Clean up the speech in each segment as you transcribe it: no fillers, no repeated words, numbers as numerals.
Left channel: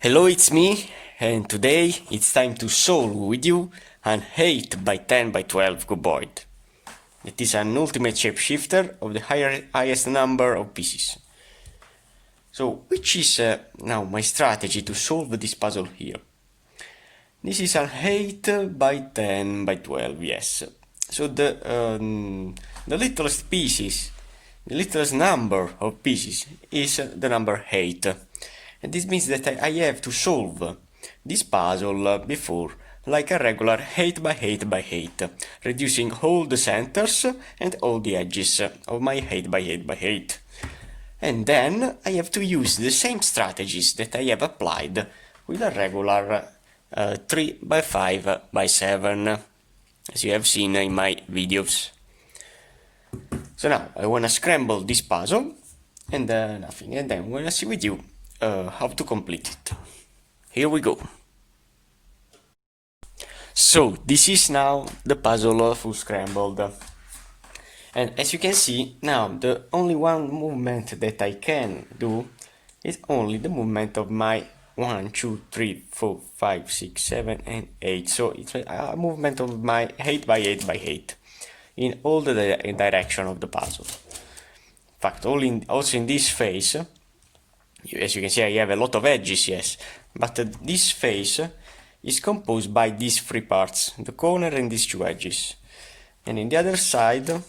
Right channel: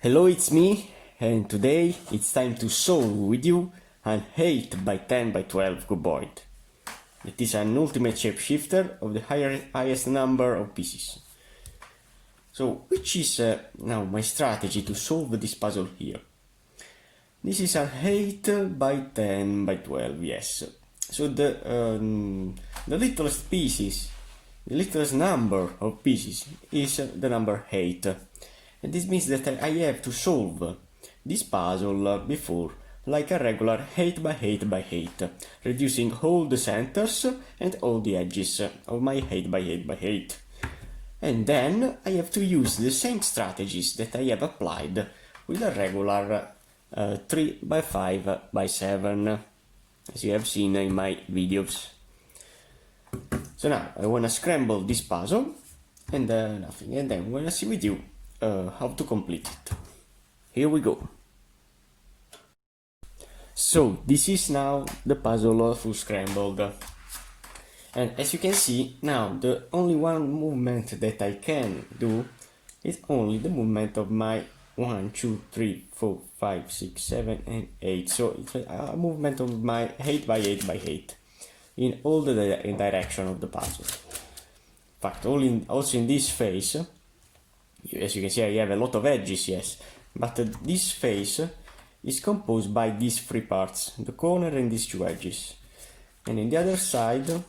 Hello, it's me, and today it's time to solve with you an 8x10x12 cuboid. It is an ultimate shapeshifter of the highest number of pieces. So, which is now my strategy to solve this puzzle here? This is an 8x10x12, yes. So the littlest pieces, the littlest number of pieces is the number 8. And this means that I have to solve this puzzle before like a regular 8x8x8, reducing all the centers and all the edges of my 8x8x8. And then I have to use the same strategies that I have applied with a regular 3x5x7, as you have seen in my videos. So now I want to scramble this puzzle and nothing, and then I'm going to see with you how to complete it. Here we go. So this is now the puzzle full scrambled, and as you can see now the only one movement that I can do is only the movement of my 1, 2, 3, 4, 5, 6, 7 and 8. So it's a movement of my 8x8x8 in all the direction of the puzzle. In fact, also in this phase, as you can see, I have a lot of edges, yes, but this face is composed by these three parts, the corner and these two edges. And in the other side,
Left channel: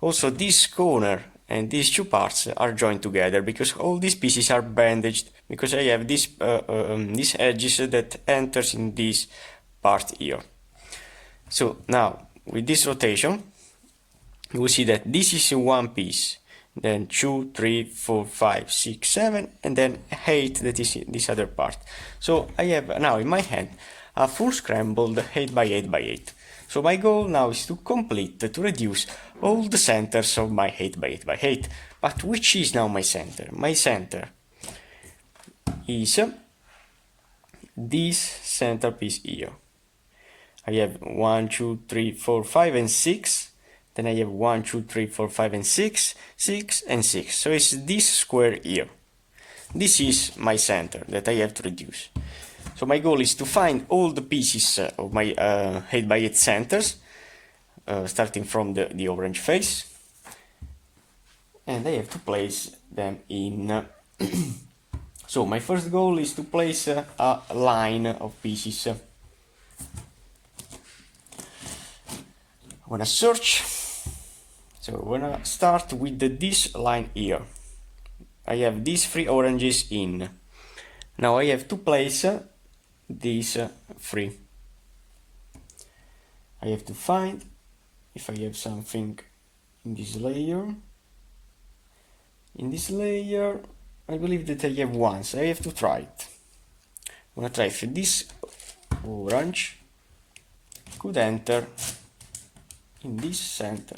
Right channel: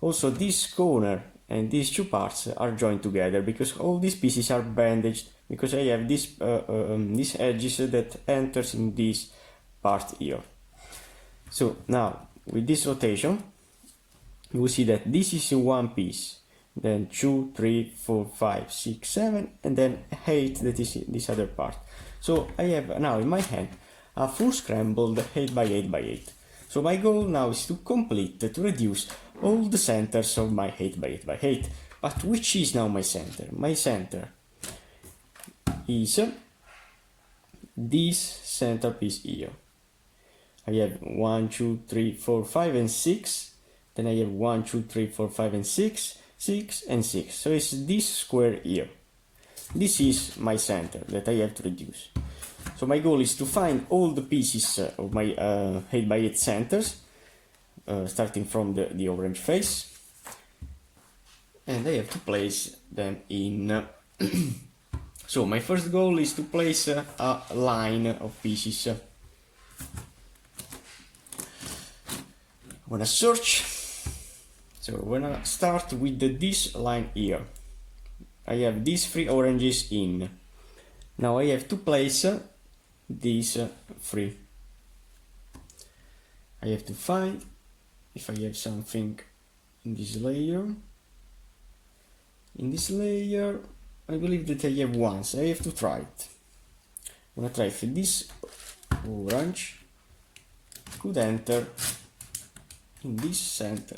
also this corner and these two parts are joined together because all these pieces are bandaged, because I have these edges that enters in this part here. So now, with this rotation, you will see that this is one piece, then 2, 3, 4, 5, 6, 7, and then 8, that is this other part. So I have now in my hand a full scrambled 8x8x8. So my goal now is to complete, to reduce all the centers of my 8x8x8. But which is now my center? My center is this centerpiece here. I have 1, 2, 3, 4, 5 and 6. Then I have 1, 2, 3, 4, 5 and 6, 6 and 6. So it's this square here. This is my center that I have to reduce. So my goal is to find all the pieces of my 8x8 centers, starting from the orange face, and I have to place them in. So my first goal is to place a line of pieces. I want to search. So we're gonna start with this line here. I have these three oranges in. Now I have to place these three. I have to find if I have something in this layer. In this layer, I believe that I have one, so I have to try it. I'm gonna try if this orange could enter in this center.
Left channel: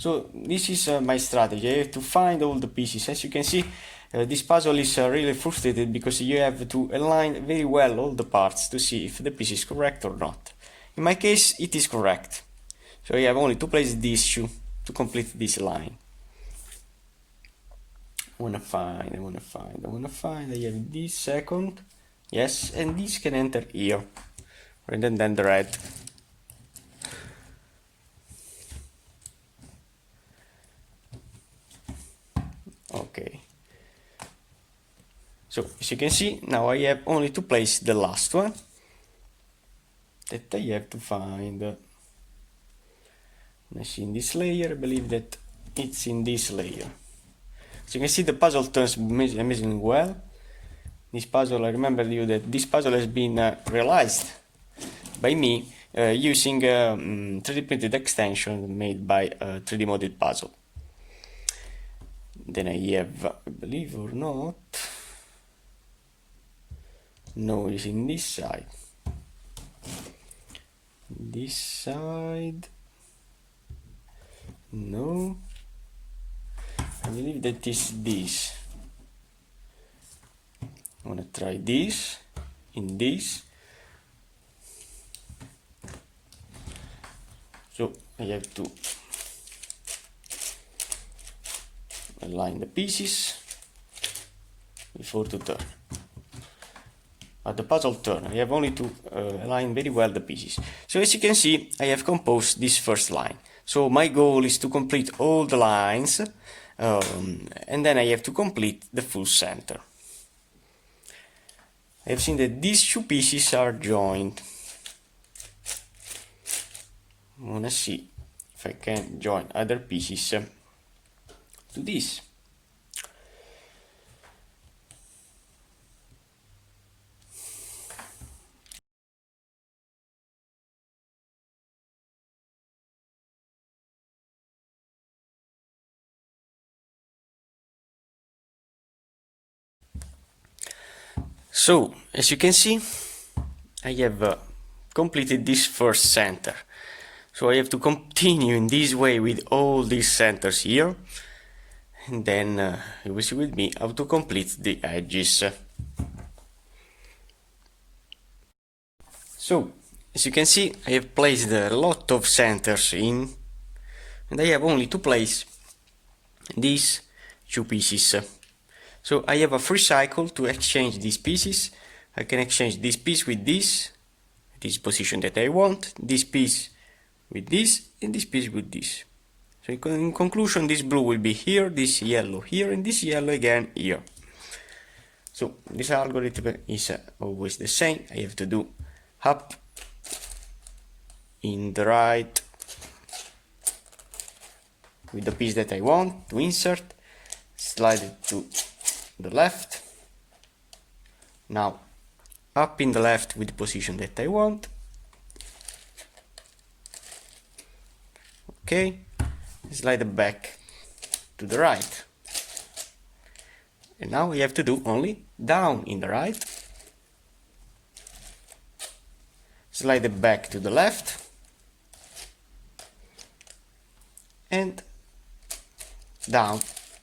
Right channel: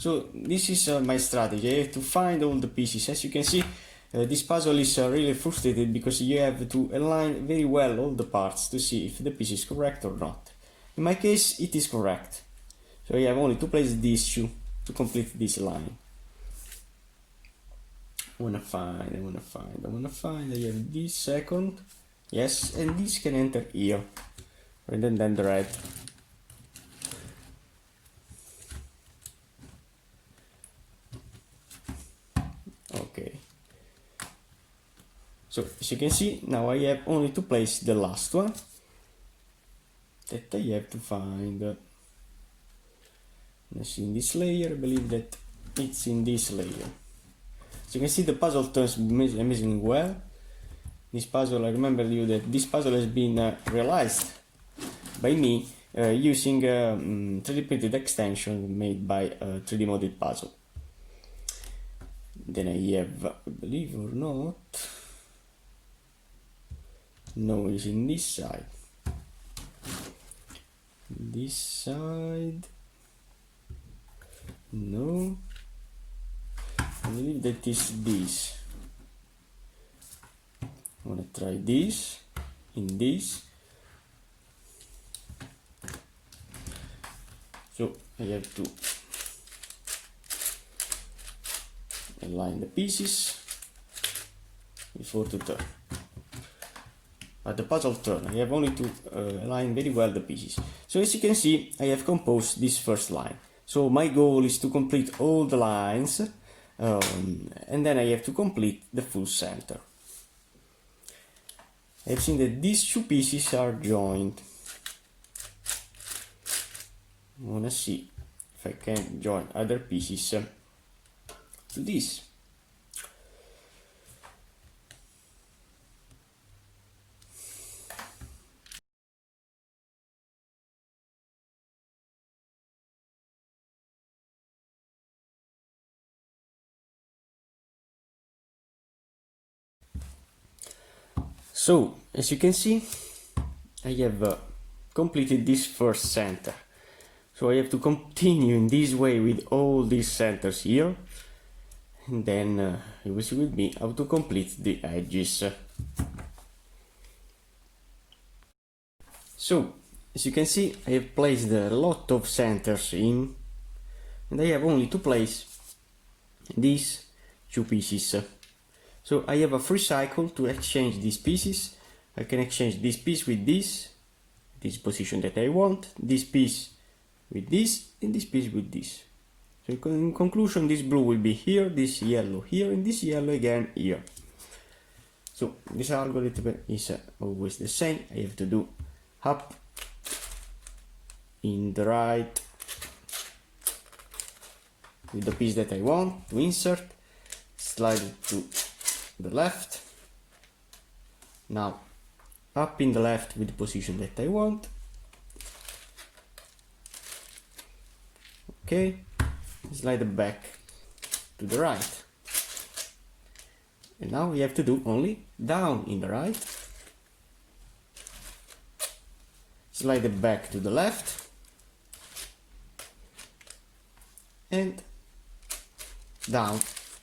So this is my strategy. I have to find all the pieces. As you can see, this puzzle is really frustrated because you have to align very well all the parts to see if the piece is correct or not. In my case, it is correct. So I have only to place these two to complete this line. I wanna find. I have this second. Yes, and this can enter here. And then the red. Okay. So as you can see, now I have only to place the last one that I have to find. I see in this layer, I believe that it's in this layer. So you can see the puzzle turns amazingly well. This puzzle, I remember you that this puzzle has been realized by me using a 3D printed extension made by a 3D modded puzzle. Then I have, believe or not, no, it's in this side. This side, no, I believe that is this. I want to try this, in this. So I have to align the pieces before to turn. At the puzzle turn, I have only to align very well the pieces. So as you can see, I have composed this first line. So my goal is to complete all the lines, and then I have to complete the full center. I have seen that these two pieces are joined. I'm gonna see if I can join other pieces to this. So, as you can see, I have completed this first center. So I have to continue in this way with all these centers here, and then you will see with me how to complete the edges. So, as you can see, I have placed a lot of centers in, and I have only to place these two pieces. So I have a free cycle to exchange these pieces. I can exchange this piece with this position that I want, this piece with this, and this piece with this. So in conclusion, this blue will be here, this yellow here, and this yellow again here. So this algorithm is always the same. I have to do up in the right with the piece that I want to insert, slide it to the left, now up in the left with the position that I want, okay, slide it back to the right, and now we have to do only down in the right, slide it back to the left, and down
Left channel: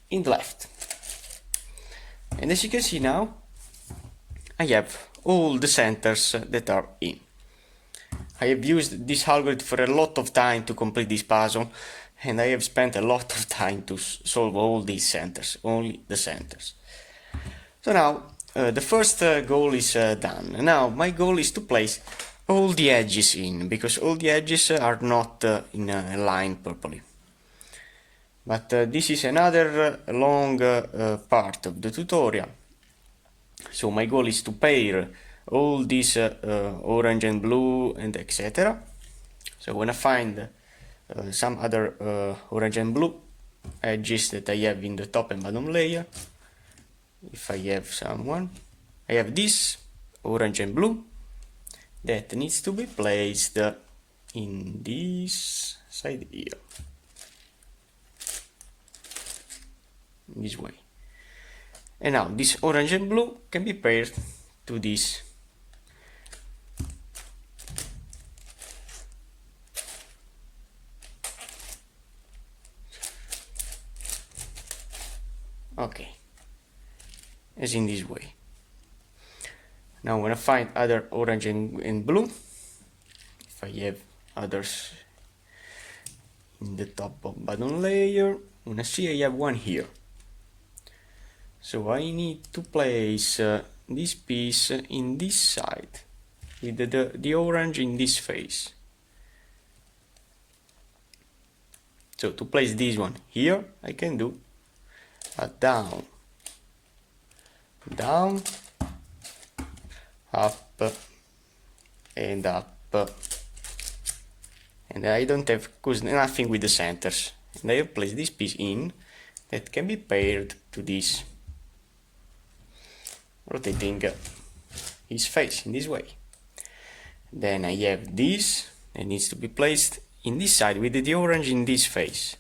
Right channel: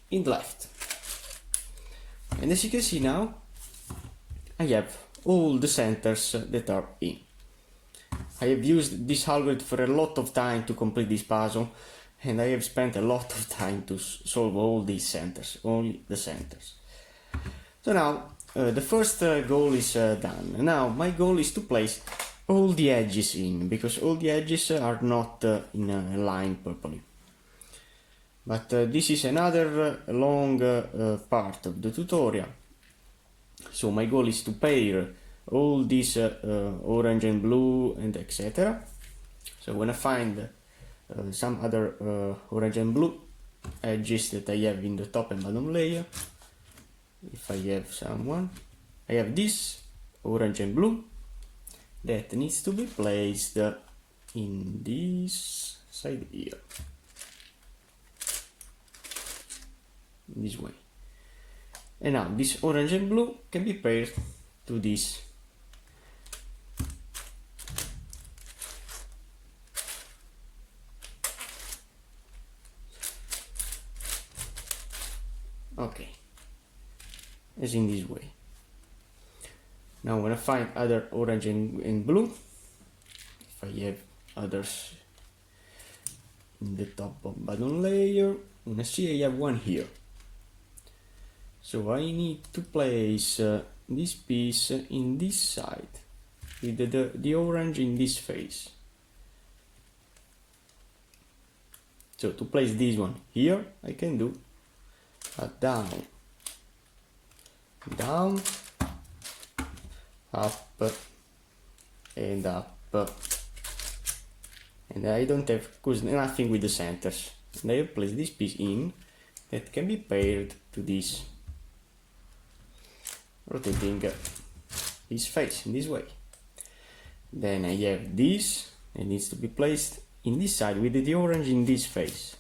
in the left. And as you can see now, I have all the centers that are in. I have used this algorithm for a lot of time to complete this puzzle, and I have spent a lot of time to solve all these centers, only the centers. So now, the first goal is done. Now, my goal is to place all the edges in, because all the edges are not in a line properly. But this is another long part of the tutorial. So my goal is to pair all these orange and blue and etc. So when I find some other orange and blue edges that I have in the top and bottom layer, if I have someone, I have this orange and blue that needs to be placed in this side here. This way, and now this orange and blue can be paired to this. Okay, as in this way. Now when I find other orange and blue, if I have others in the top of bottom layer, when I see I have one here. So I need to place this piece in this side with the orange in this face. So to place this one here, I can do a down, down, up, and up. And I don't have nothing with the centers. And I have placed this piece in that can be paired to this, rotating his face in this way. Then I have this that needs to be placed in this side with the orange in this face.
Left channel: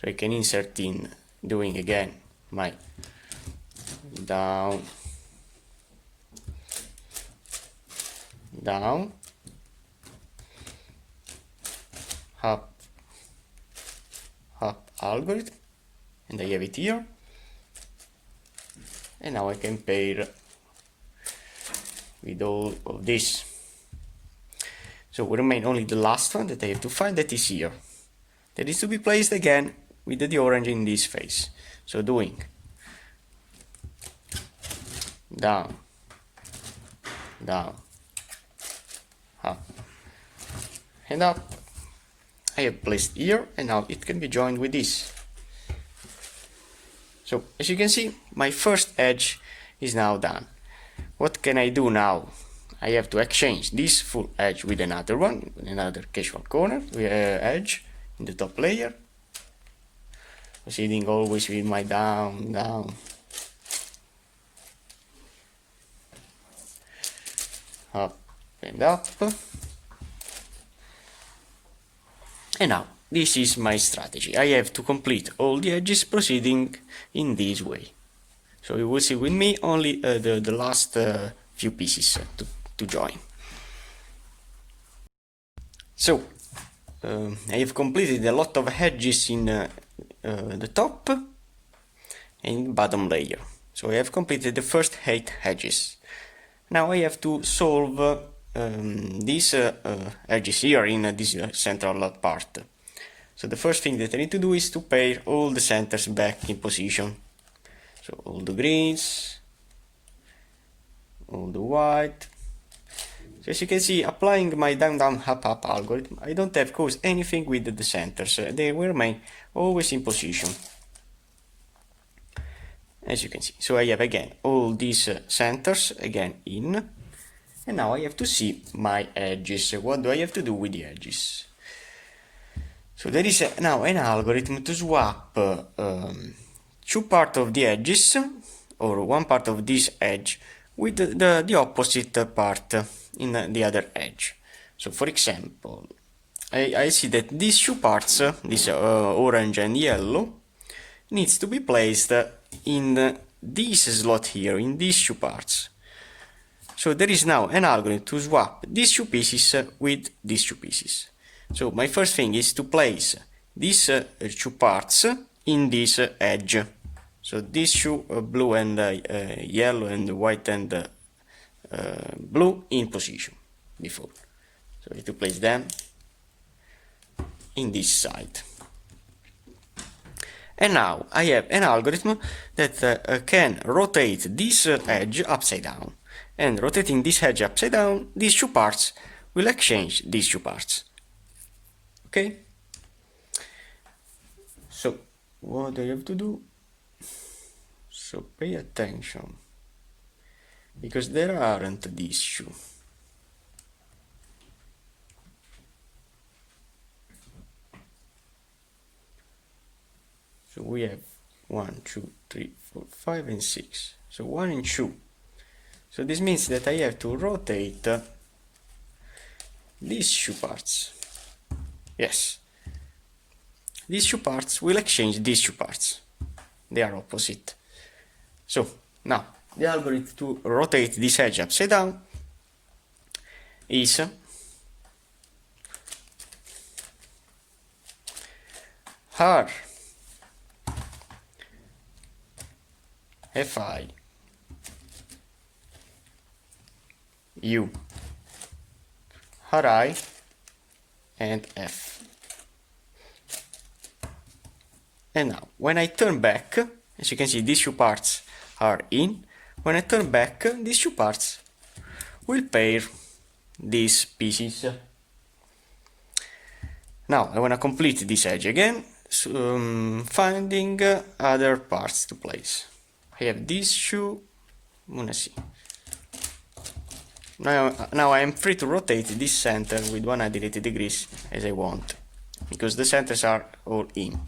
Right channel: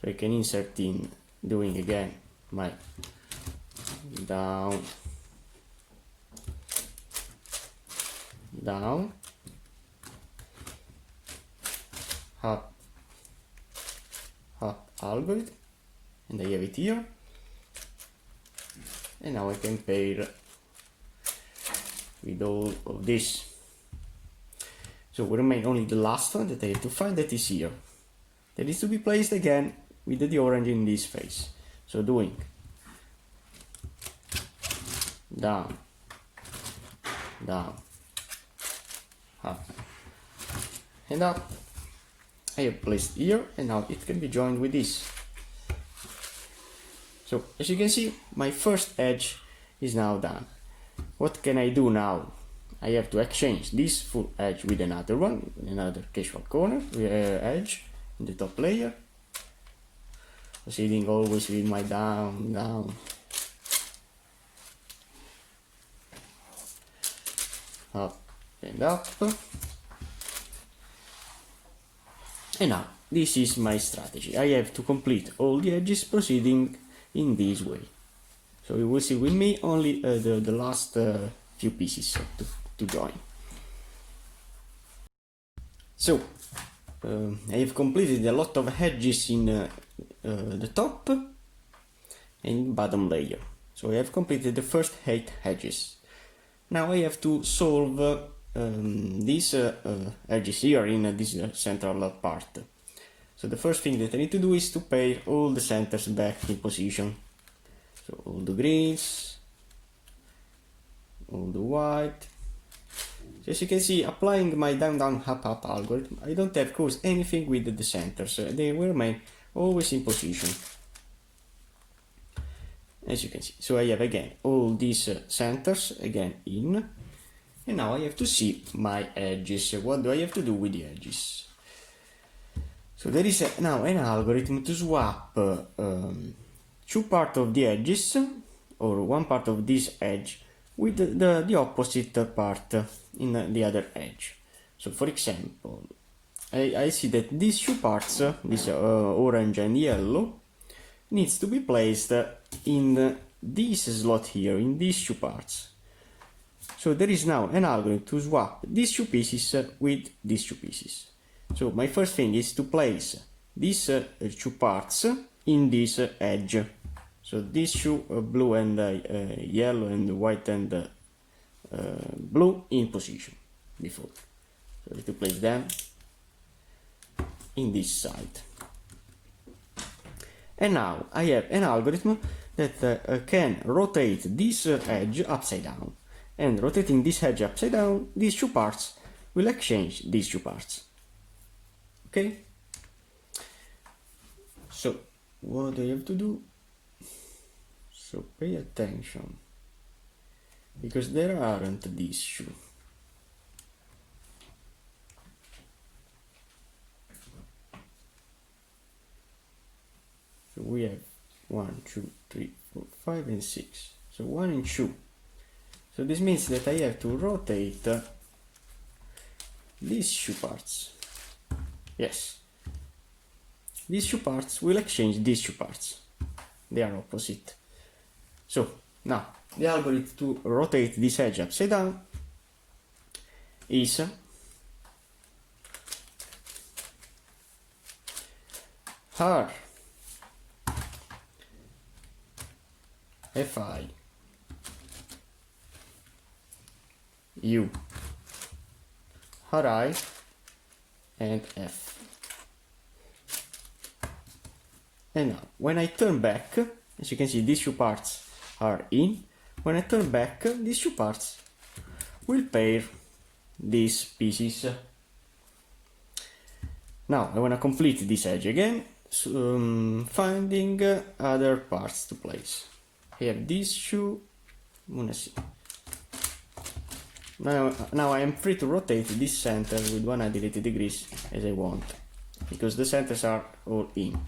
So I can insert in, doing again my down, down, up, up algorithm, and I have it here. And now I can pair with all of this. So will remain only the last one that I have to find, that is here. That is to be placed again with the orange in this face. So doing down, down, up, and up. I have placed here, and now it can be joined with this. So as you can see, my first edge is now done. What can I do now? I have to exchange this full edge with another one, another casual corner edge in the top layer, proceeding always with my down, down, up and up. And now this is my strategy. I have to complete all the edges proceeding in this way. So you will see with me only the last few pieces to join. So I have completed a lot of edges in the top and bottom layer. So I have completed the first 8 edges. Now I have to solve these edges here in this central part. So the first thing that I need to do is to pair all the centers back in position. So all the greens, all the white. So as you can see, applying my down down up up algorithm, I don't have caused anything with the centers. They will remain always in position. As you can see. So I have again all these centers again in. And now I have to see my edges. What do I have to do with the edges? So there is now an algorithm to swap two parts of the edges, or one part of this edge, with the opposite part in the other edge. So for example, I see that these two parts, this orange and yellow, needs to be placed in this slot here, in these two parts. So there is now an algorithm to swap these two pieces with these two pieces. So my first thing is to place these two parts in this edge. So these two blue and yellow and white and blue in position before. So I have to place them in this side. And now I have an algorithm that can rotate this edge upside down. And rotating this edge upside down, these two parts will exchange these two parts. Okay? So, what do I have to do? So, pay attention. Because there aren't these two. So, we have 1, 2, 3, 4, 5, and 6. So, 1 and 2. So this means that I have to rotate these two parts. Yes. These two parts will exchange these two parts. They are opposite. So now the algorithm to rotate this edge upside down is R Fi U Ri and F. And now when I turn back, as you can see, these two parts are in. When I turn back, these two parts will pair these pieces. Now I want to complete this edge again, finding other parts to place. I have these two. I'm gonna see. Now I am free to rotate this center with 180 degrees as I want, because the centers are all in.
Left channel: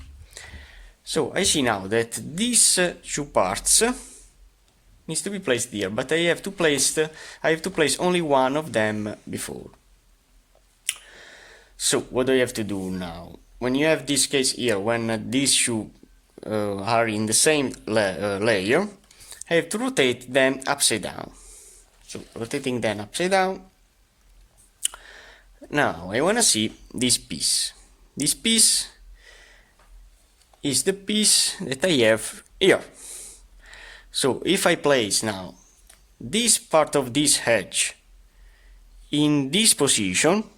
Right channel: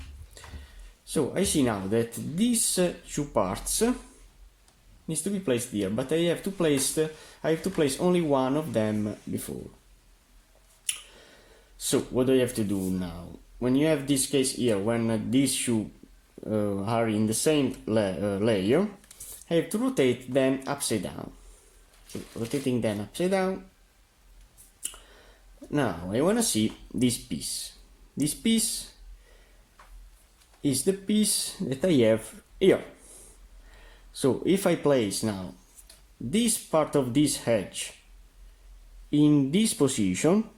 So I see now that these two parts needs to be placed here, but I have to place only one of them before. So what do I have to do now? When you have this case here, when these two are in the same layer, I have to rotate them upside down. So rotating them upside down. Now I want to see this piece. This piece is the piece that I have here. So if I place now this part of this edge in this position,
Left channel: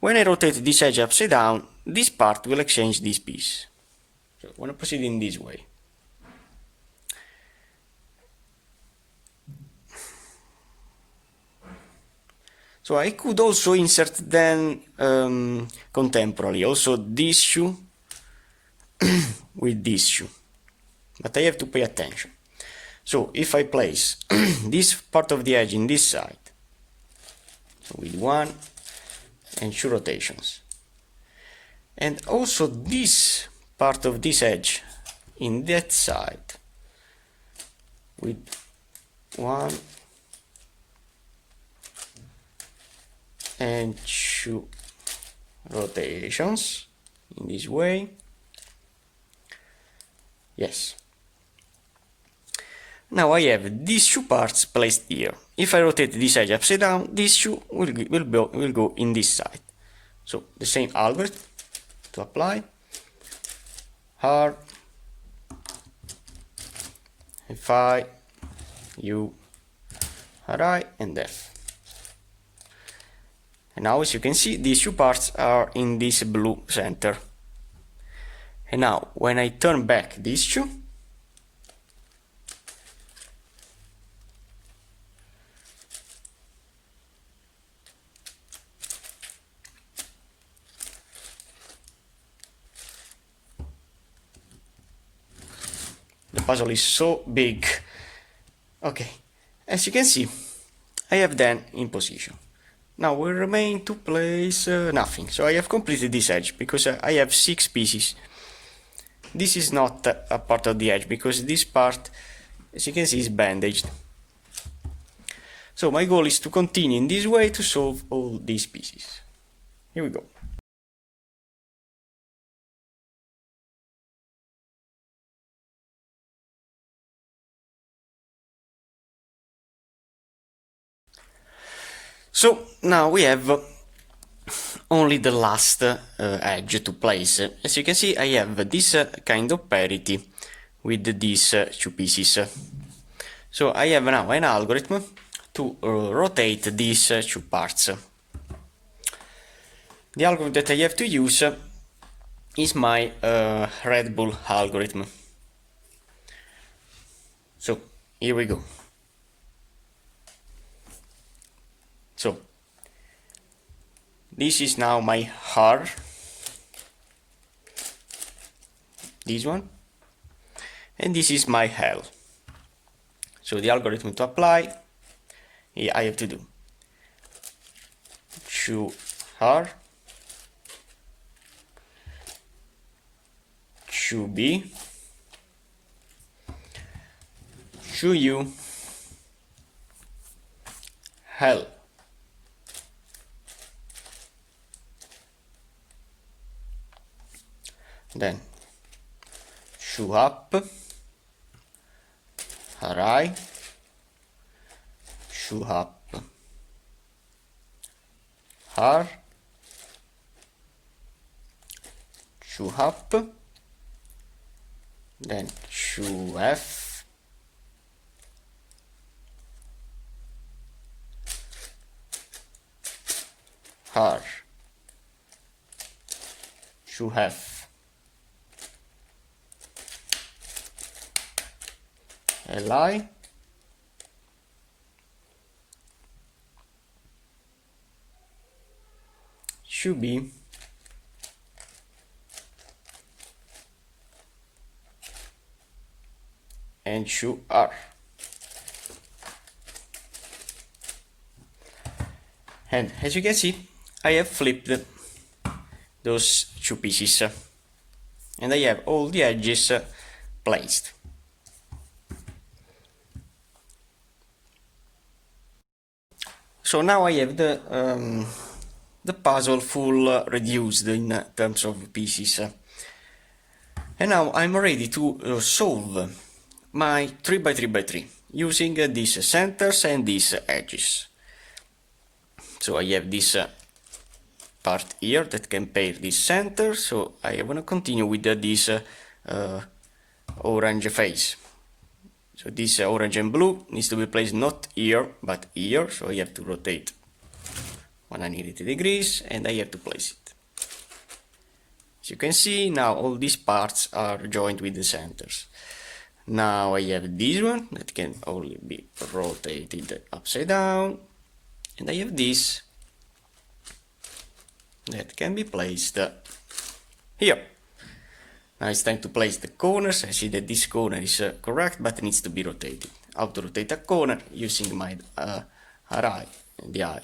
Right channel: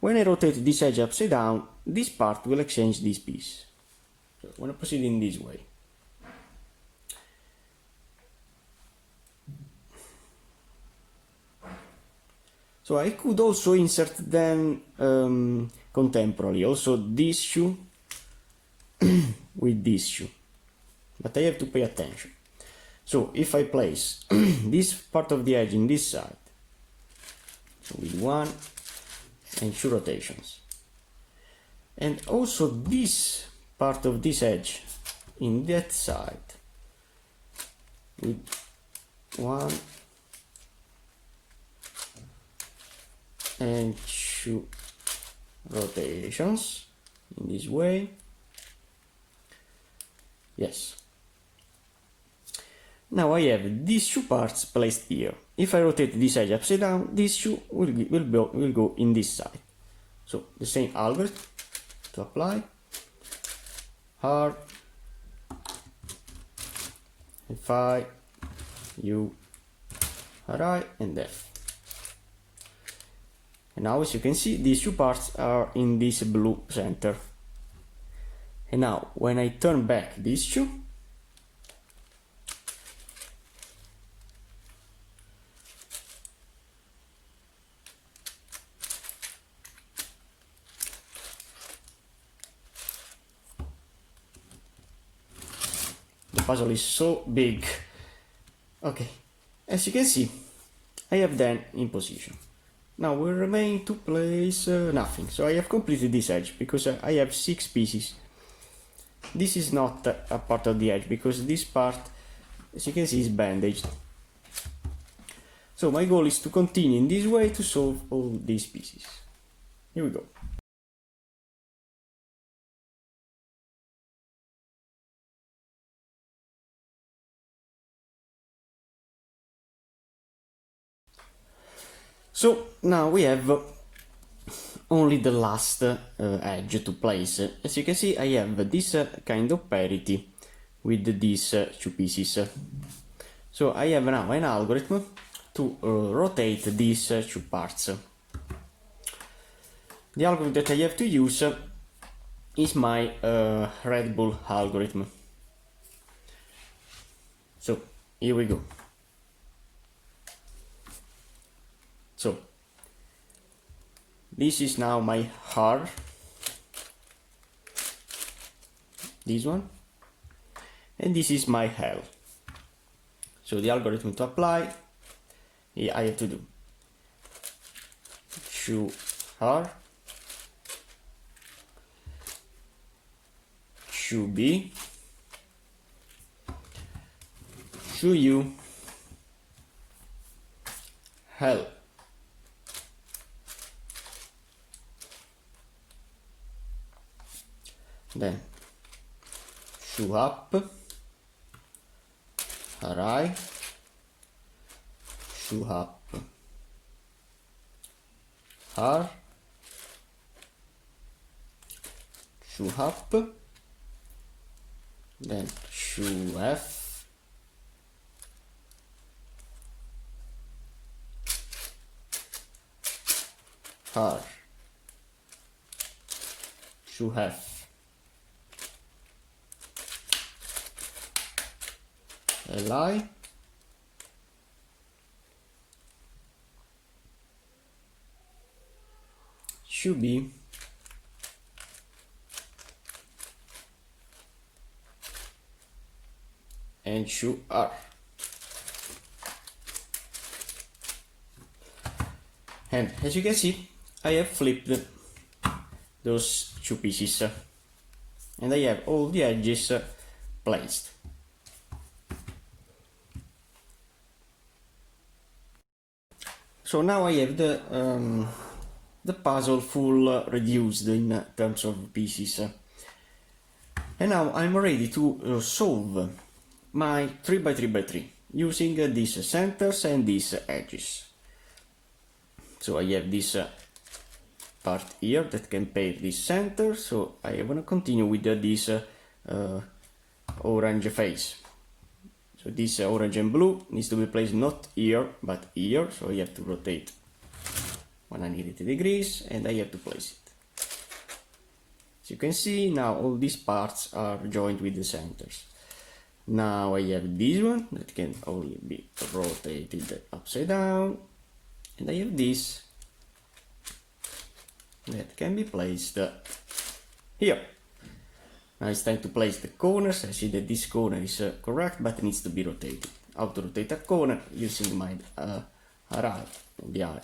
when I rotate this edge upside down, this part will exchange this piece. So I want to proceed in this way. So I could also insert then contemporarily also this shoe with this shoe, but I have to pay attention. So if I place this part of the edge in this side, so with 1 and 2 rotations, and also this part of this edge in that side with 1 and 2 rotations in this way. Yes. Now I have these two parts placed here. If I rotate this edge upside down, this shoe will go in this side. So the same algorithm to apply. R, Fi, U, Ri, and F. And now, as you can see, these two parts are in this blue center. And now, when I turn back these two, the puzzle is so big. Okay, as you can see, I have them in position. Now will remain to place nothing. So I have completed this edge because I have 6 pieces. This is not a part of the edge because this part, as you can see, is bandaged. So my goal is to continue in this way to solve all these pieces. Here we go. So now we have only the last edge to place. As you can see, I have this kind of parity with these 2 pieces. So I have now an algorithm to rotate these 2 parts. The algorithm that I have to use is my Red Bull algorithm. So here we go. So this is now my R, this one, and this is my L. So the algorithm to apply, I have to do 2R, 2B, 2U, L. Then shoe up, Ri, shoe up, R, shoe up, then shoe F, R, shoe F. Li, should be and should R. And as you can see, I have flipped those 2 pieces and I have all the edges placed. So now I have the puzzle full reduced in terms of pieces. And now I'm ready to solve my 3x3x3 using these centers and these edges. So I have this part here that can pair these centers, so I want to continue with this orange face. So this orange and blue needs to be placed not here, but here. So I have to rotate 180 degrees and I have to place it. As you can see, now all these parts are joined with the centers. Now I have this one that can only be rotated upside down. And I have this that can be placed here. Now it's time to place the corners. I see that this corner is correct, but it needs to be rotated. How to rotate a corner? Using my array, the eye.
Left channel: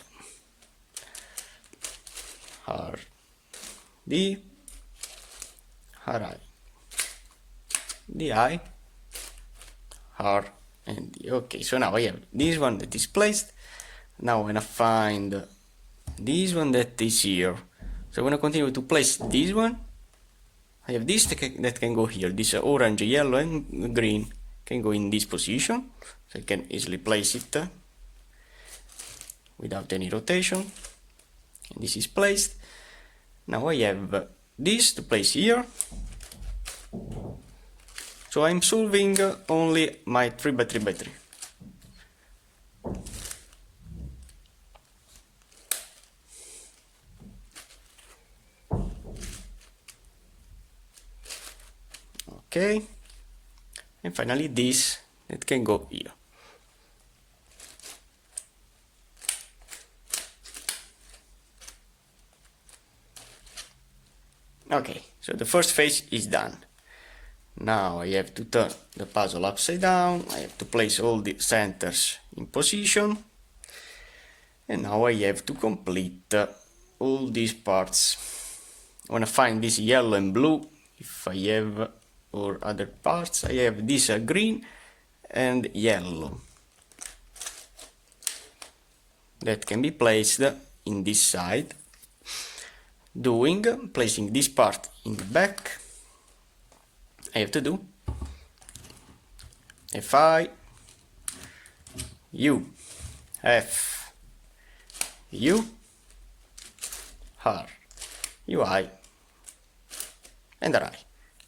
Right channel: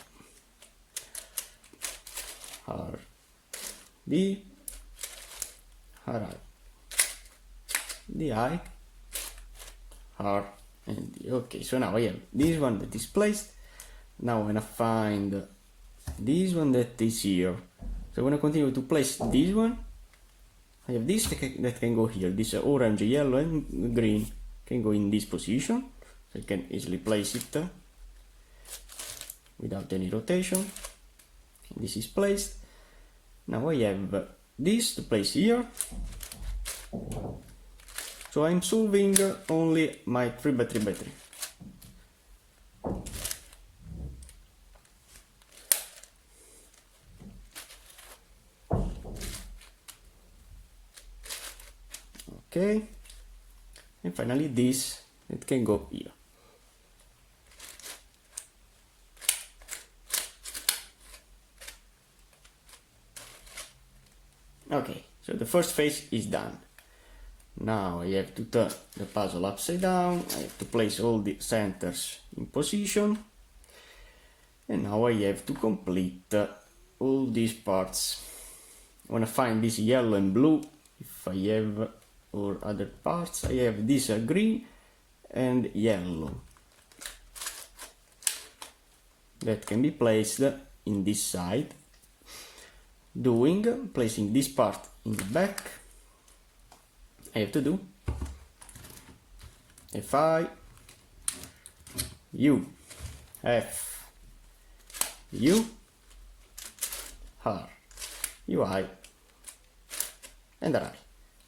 R, D, array. The eye, R, and D. Okay, so now I have this one that is placed. Now I'm gonna find this one that is here. So I'm gonna continue to place this one. I have this that can go here. This orange, yellow, and green can go in this position. So I can easily place it without any rotation. And this is placed. Now I have this to place here. So I'm solving only my 3x3x3. Okay, and finally this that can go here. Okay, so the first phase is done. Now I have to turn the puzzle upside down. I have to place all the centers in position, and now I have to complete all these parts. I want to find this yellow and blue if I have, or other parts. I have this green and yellow that can be placed in this side, placing this part in the back. I have to do Fi, U, F, U, R, UI, and I,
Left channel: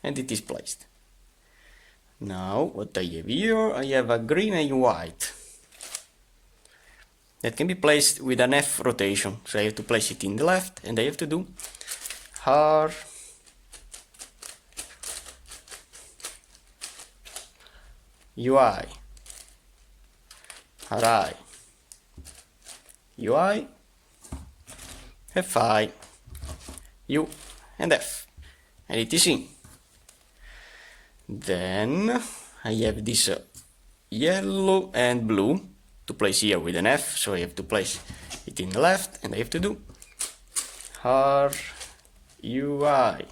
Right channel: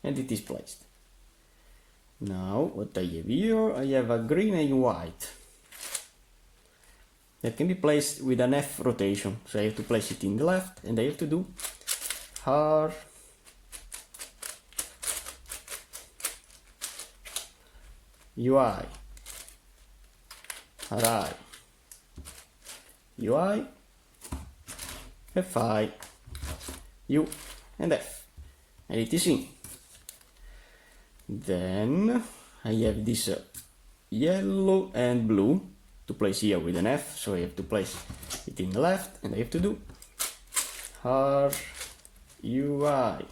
and it is placed. Now what I have here, I have a green and white that can be placed with an F rotation. So I have to place it in the left, and I have to do R, UI, RI, UI, FI, U, and F, and it is in. Then I have this yellow and blue to place here with an F, so I have to place it in the left, and I have to do R, UI,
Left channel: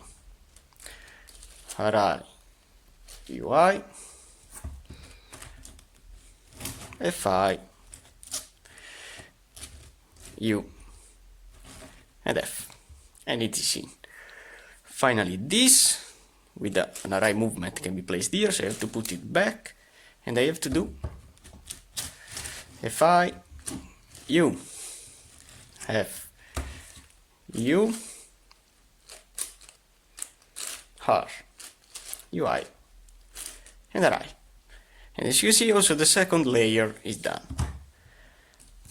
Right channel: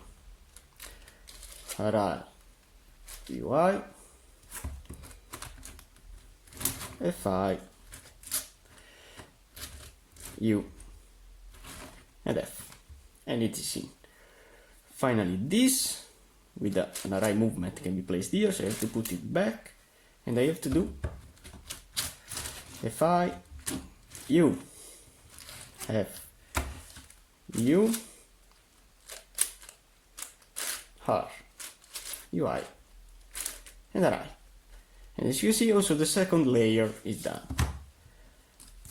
RI, UI, Fi, U, and F, and it is in. Finally this with an array movement can be placed here, so I have to put it back, and I have to do Fi, U, F, U, R, UI, and array. And as you see, also the second layer is done.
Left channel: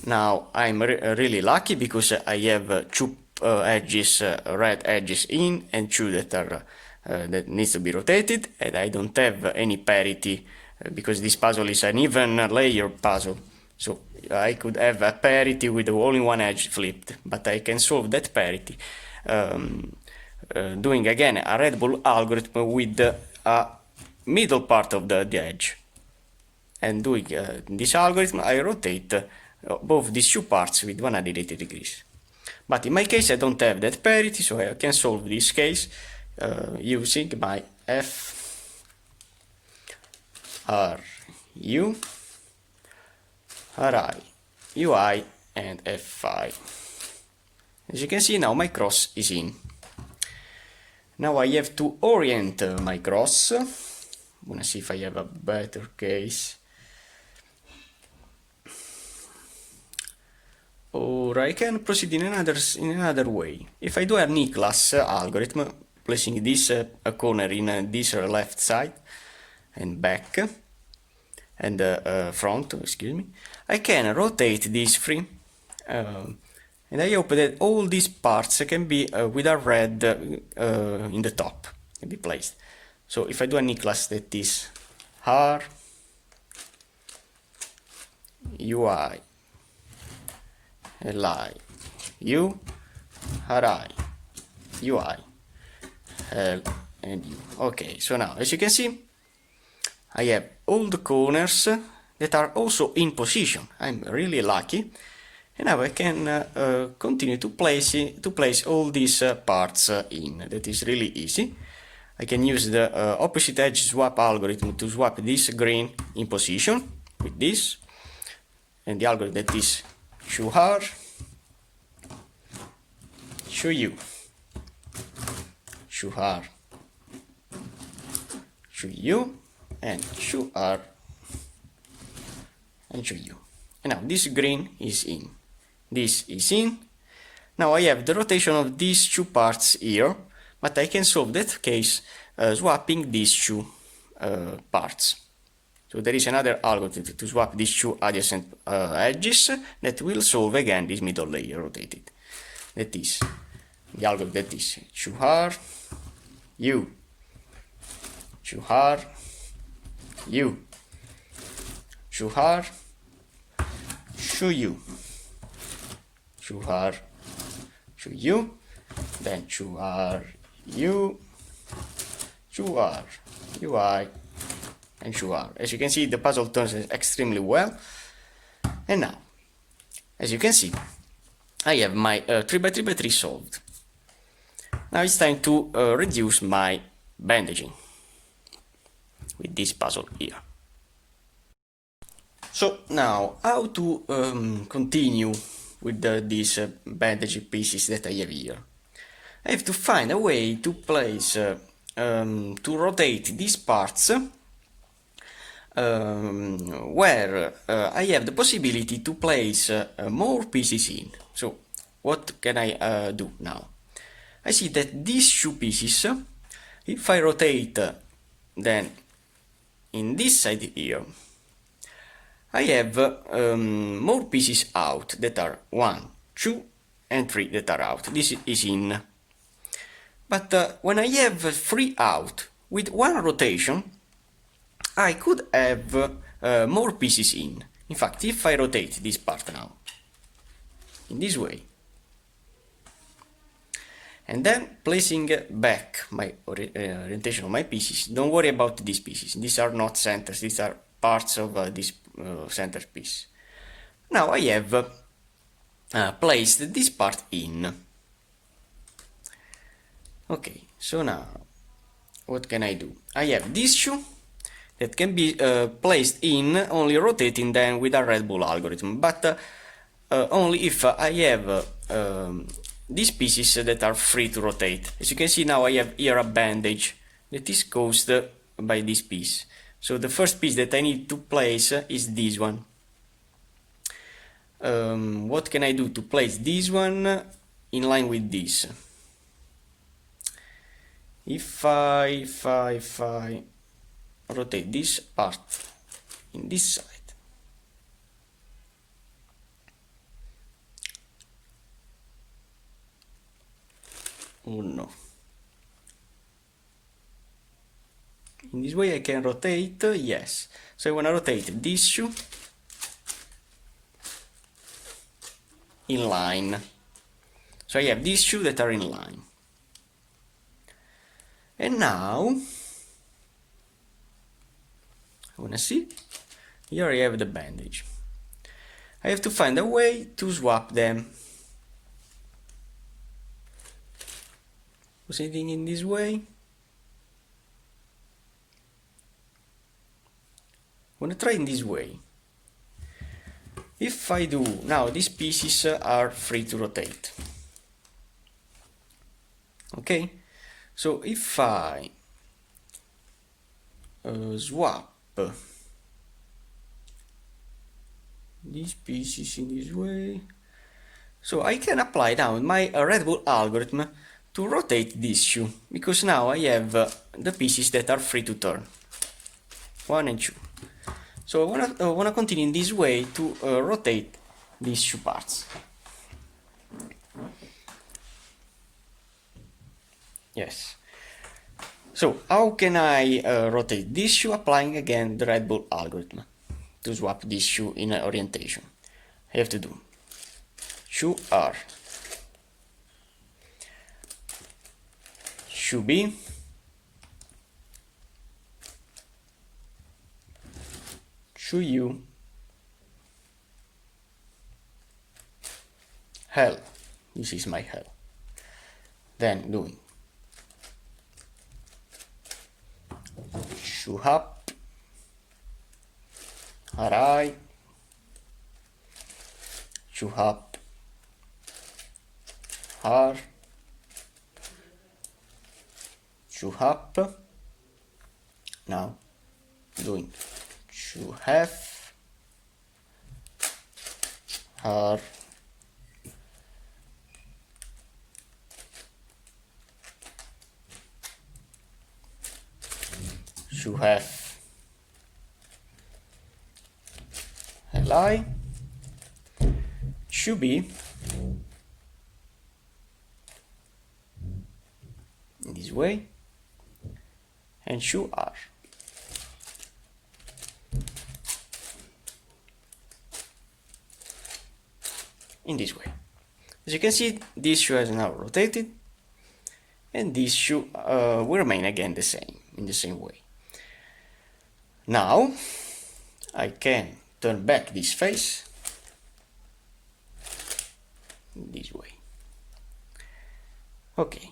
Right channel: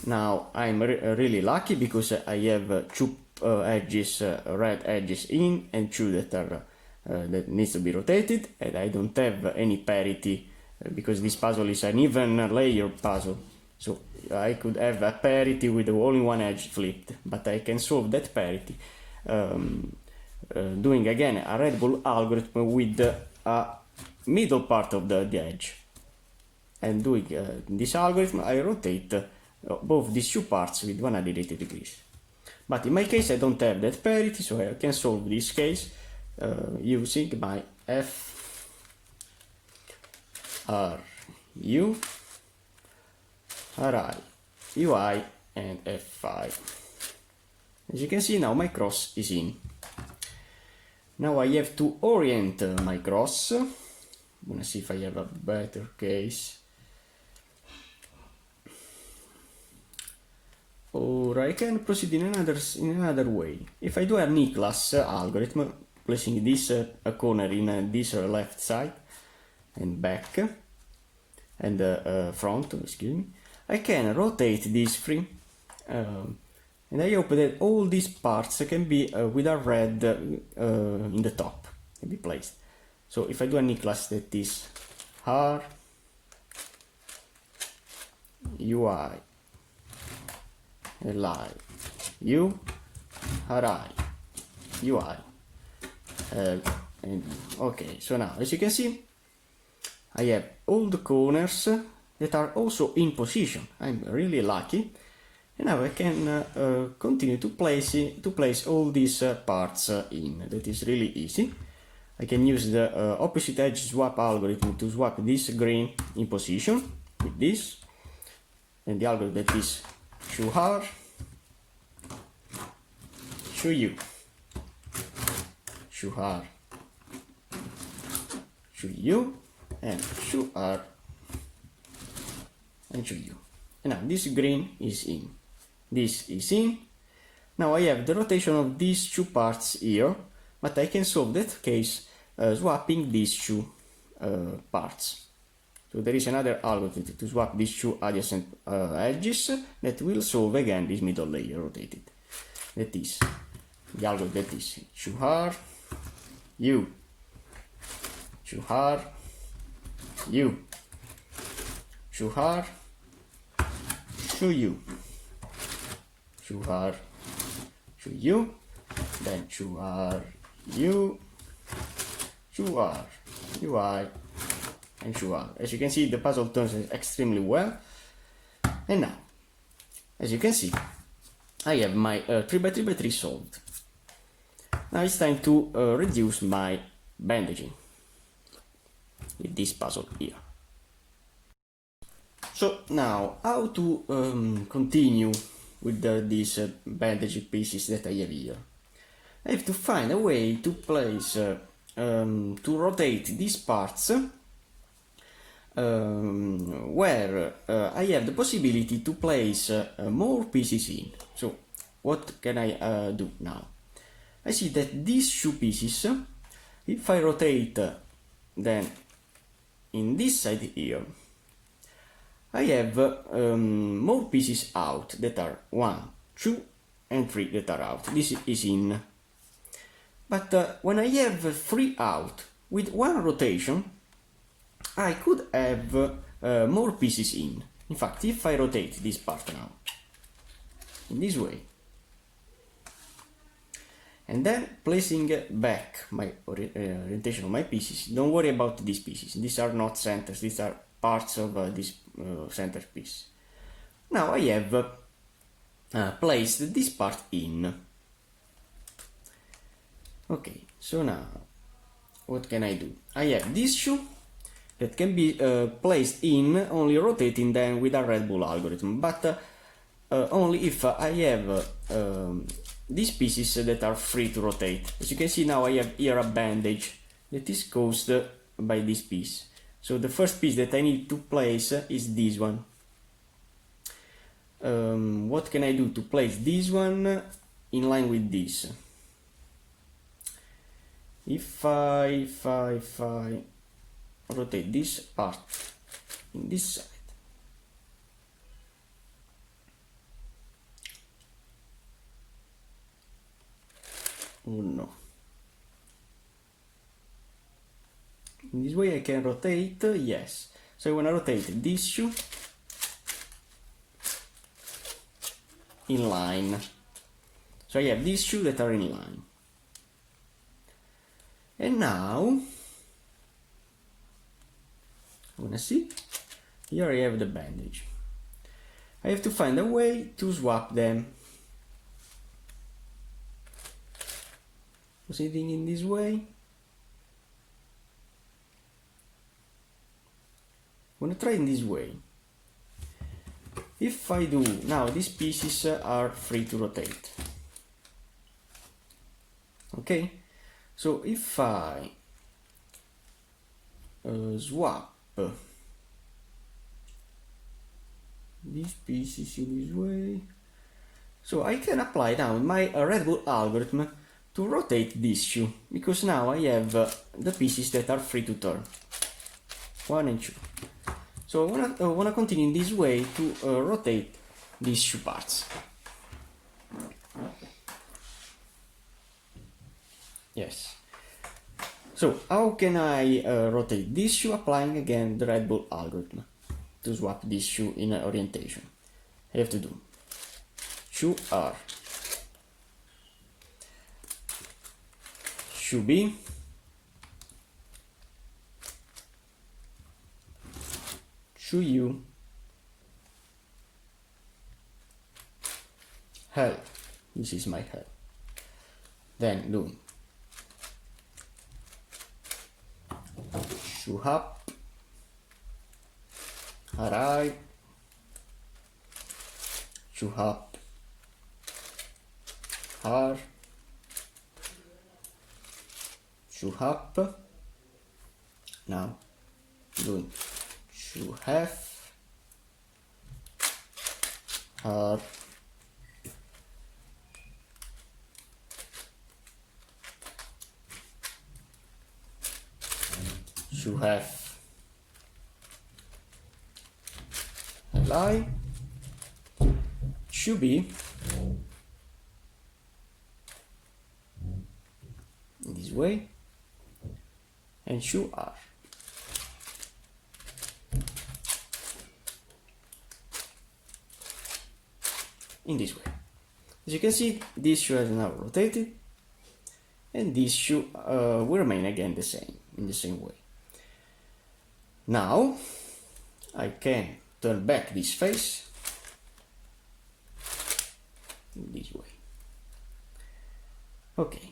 Now I'm really lucky because I have two edges, red edges in, and two that are that needs to be rotated, and I don't have any parity because this puzzle is an even layer puzzle. So I could have a parity with only one edge flipped, but I can solve that parity doing again a Red Bull algorithm with a middle part of the edge. And doing this algorithm, I rotate both these two parts with 180 degrees. But in my case, I don't have that parity, so I can solve this case using my F, R, U, RI, UI, and Fi. As you can see, now my cross is in. Now I have to orient my cross. I'm gonna see if I have a better case. Or I can proceed in another way. If I do a Niklas algorithm, placing this corner in this left side and back and front, excuse me, I can rotate this free, and I hope that all these parts can be with a red in the top, can be placed. So if I do a Niklas that is R, UI, LI, U, RI, UI. Okay, so now as you can see, I have all the corners that are also in position. I'm really lucky. And now I can continue to place all these parts in. That is really easy. I can use the opposite edge swap algorithm to swap this green in position with this, and the algorithm that is show R, show U, show R, show U, and show R, and show U. And now this green is in. This is in. Now I have the rotation of these two parts here, but I can solve that case swapping these two parts. So there is another algorithm to swap these two adjacent edges that will solve again this middle layer rotated. That is the algorithm that is show R, U, show R, U, show R, show U, show R, show U, then show R, U, show R, UI, and show R. As you can see, the puzzle turns extremely well. And now, as you can see, I have my 3x3x3 solved. Now it's time to reduce my bandaging with this puzzle here. So now, how to continue with these bandage pieces that I have here? I have to find a way to place, to rotate these parts where I have the possibility to place more pieces in. So what can I do now? I see that these two pieces, if I rotate then in this side here, I have more pieces out that are 1, 2, and 3 that are out. This is in. But when I have 3 out with 1 rotation, I could have more pieces in. In fact, if I rotate this part now, in this way, and then placing back my orientation of my pieces, don't worry about these pieces. These are not centers, these are parts of this center piece. Now I have placed this part in. Okay, so now what can I do? I have this shoe that can be placed in only rotating them with a Red Bull algorithm, but only if I have these pieces that are free to rotate. As you can see now, I have here a bandage that is caused by this piece. So the first piece that I need to place is this one. What can I do to place this one in line with this? If I rotate this part in this side, oh no, in this way I can rotate, yes. So I want to rotate this shoe in line. So I have these two that are in line. And now, I want to see, here I have the bandage. I have to find a way to swap them. Proceeding in this way. I want to try in this way. If I do, now these pieces are free to rotate. Okay? So if I swap these pieces in this way, so I can apply now my Red Bull algorithm to rotate this shoe, because now I have the pieces that are free to turn, 1 and 2. So I wanna continue in this way to rotate these two parts. Yes. So how can I rotate this shoe? Applying again the Red Bull algorithm to swap this shoe in orientation. I have to do shoe R, should be should you hell. This is my hell. Then doing should up, array, should up, r, should up. Now doing should have, r, should have li, should be in this way, and should are in this way. As you can see, this shoe has now rotated, and this shoe will remain again the same, in the same way. Now I can turn back this face this way. Okay.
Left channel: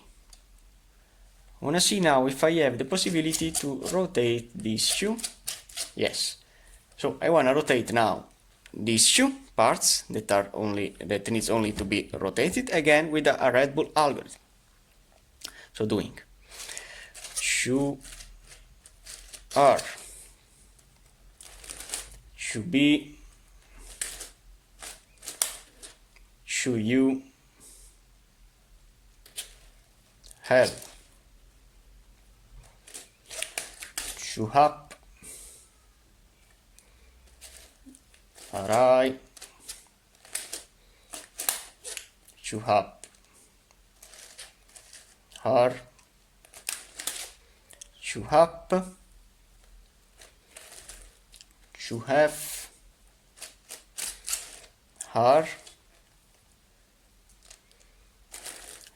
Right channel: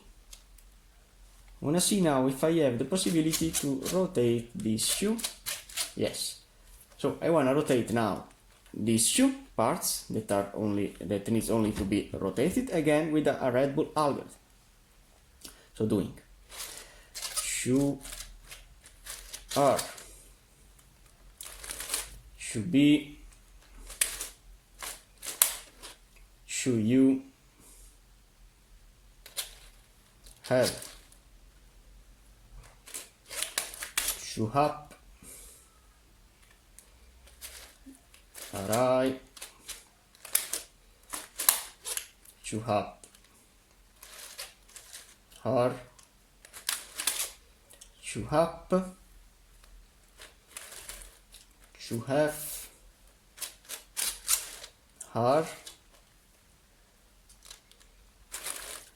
I wanna see now if I have the possibility to rotate this shoe. Yes. So I wanna rotate now these shoe parts that needs only to be rotated again with a Red Bull algorithm. So doing shoe R should be should you have should up, array, should up, r, should up, should have, r,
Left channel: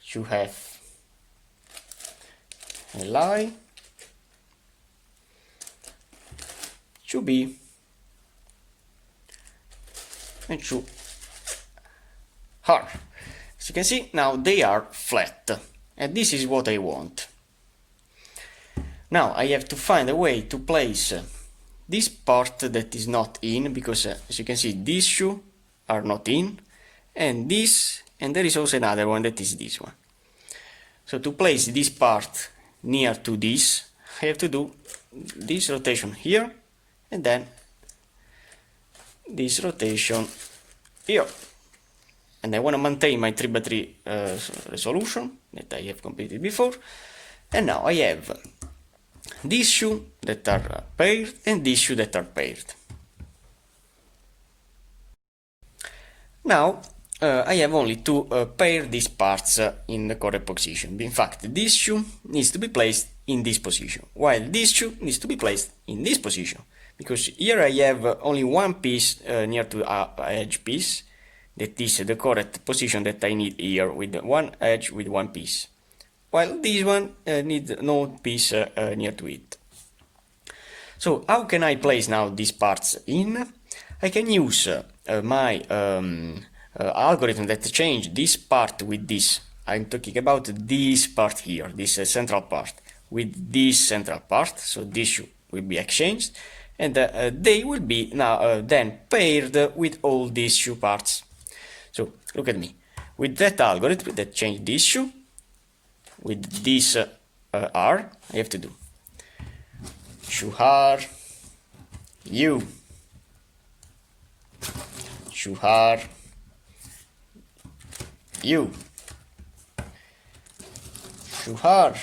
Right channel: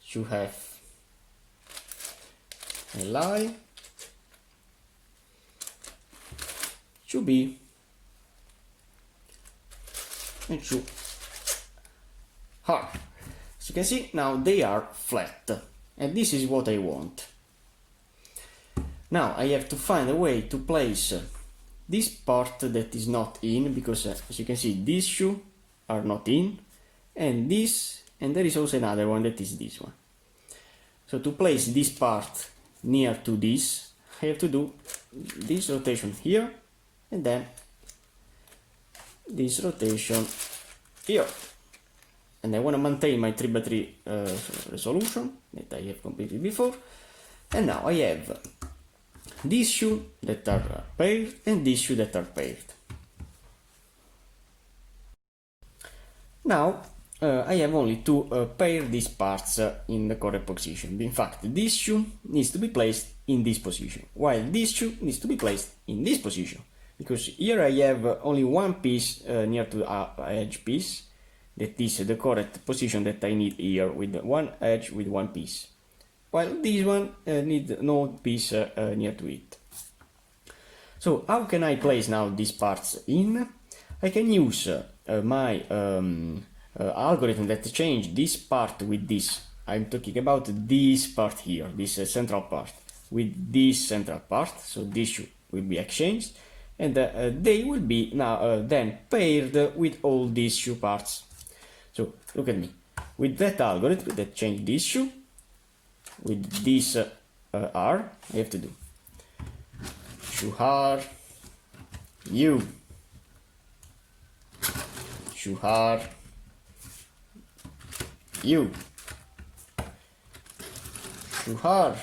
should have, li, should be, and should are. As you can see, now they are flat, and this is what I want. Now I have to find a way to place this part that is not in, because as you can see, these shoes are not in, and this, and there is also another one that is this one. So to place this part near to this, I have to do this rotation here, and then this rotation here. And I want to maintain my 3x3 resolution that I have completed before. And now I have these shoes that are paired and these shoes that are paired. Now I have only to pair these parts in the correct position. In fact, this shoe needs to be placed in this position, while this shoe needs to be placed in this position. Because here I have only one piece near to the edge piece, that is the correct position that I need here, with one edge with one piece, while this one needs no piece near to it. So how can I place now these parts in? I can use my algorithm that change this part with this. I'm talking about this part here, this central part, with this central part, so this should will be exchanged, and they will be now then paired with all these shoe parts. So look at me, with that algorithm that change this shoe with this R, I have to do shoe R U, shoe R U, shoe R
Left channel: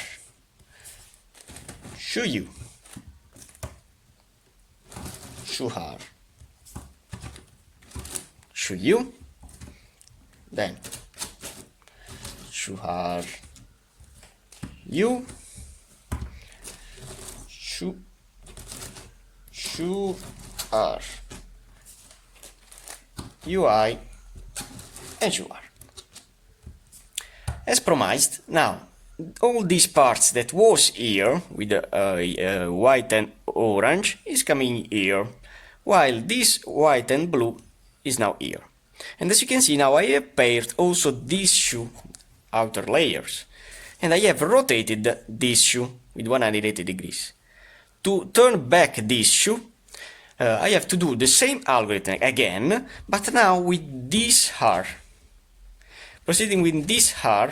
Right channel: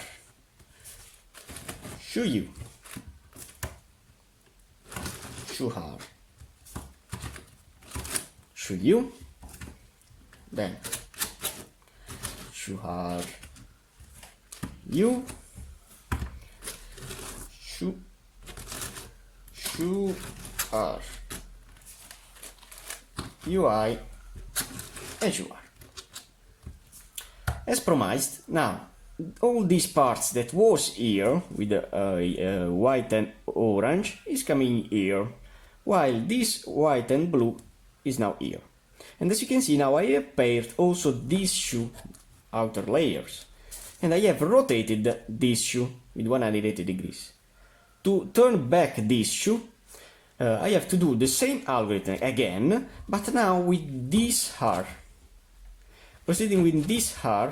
shoe U, shoe R shoe U, then shoe R U, shoe R UI, and shoe R. As promised, now all these parts that was here with white and orange is coming here, while this white and blue is now here. And as you can see, now I have paired also these shoe outer layers, and I have rotated this shoe with 180 degrees. To turn back this shoe, I have to do the same algorithm again, but now with this R. Proceeding with this R,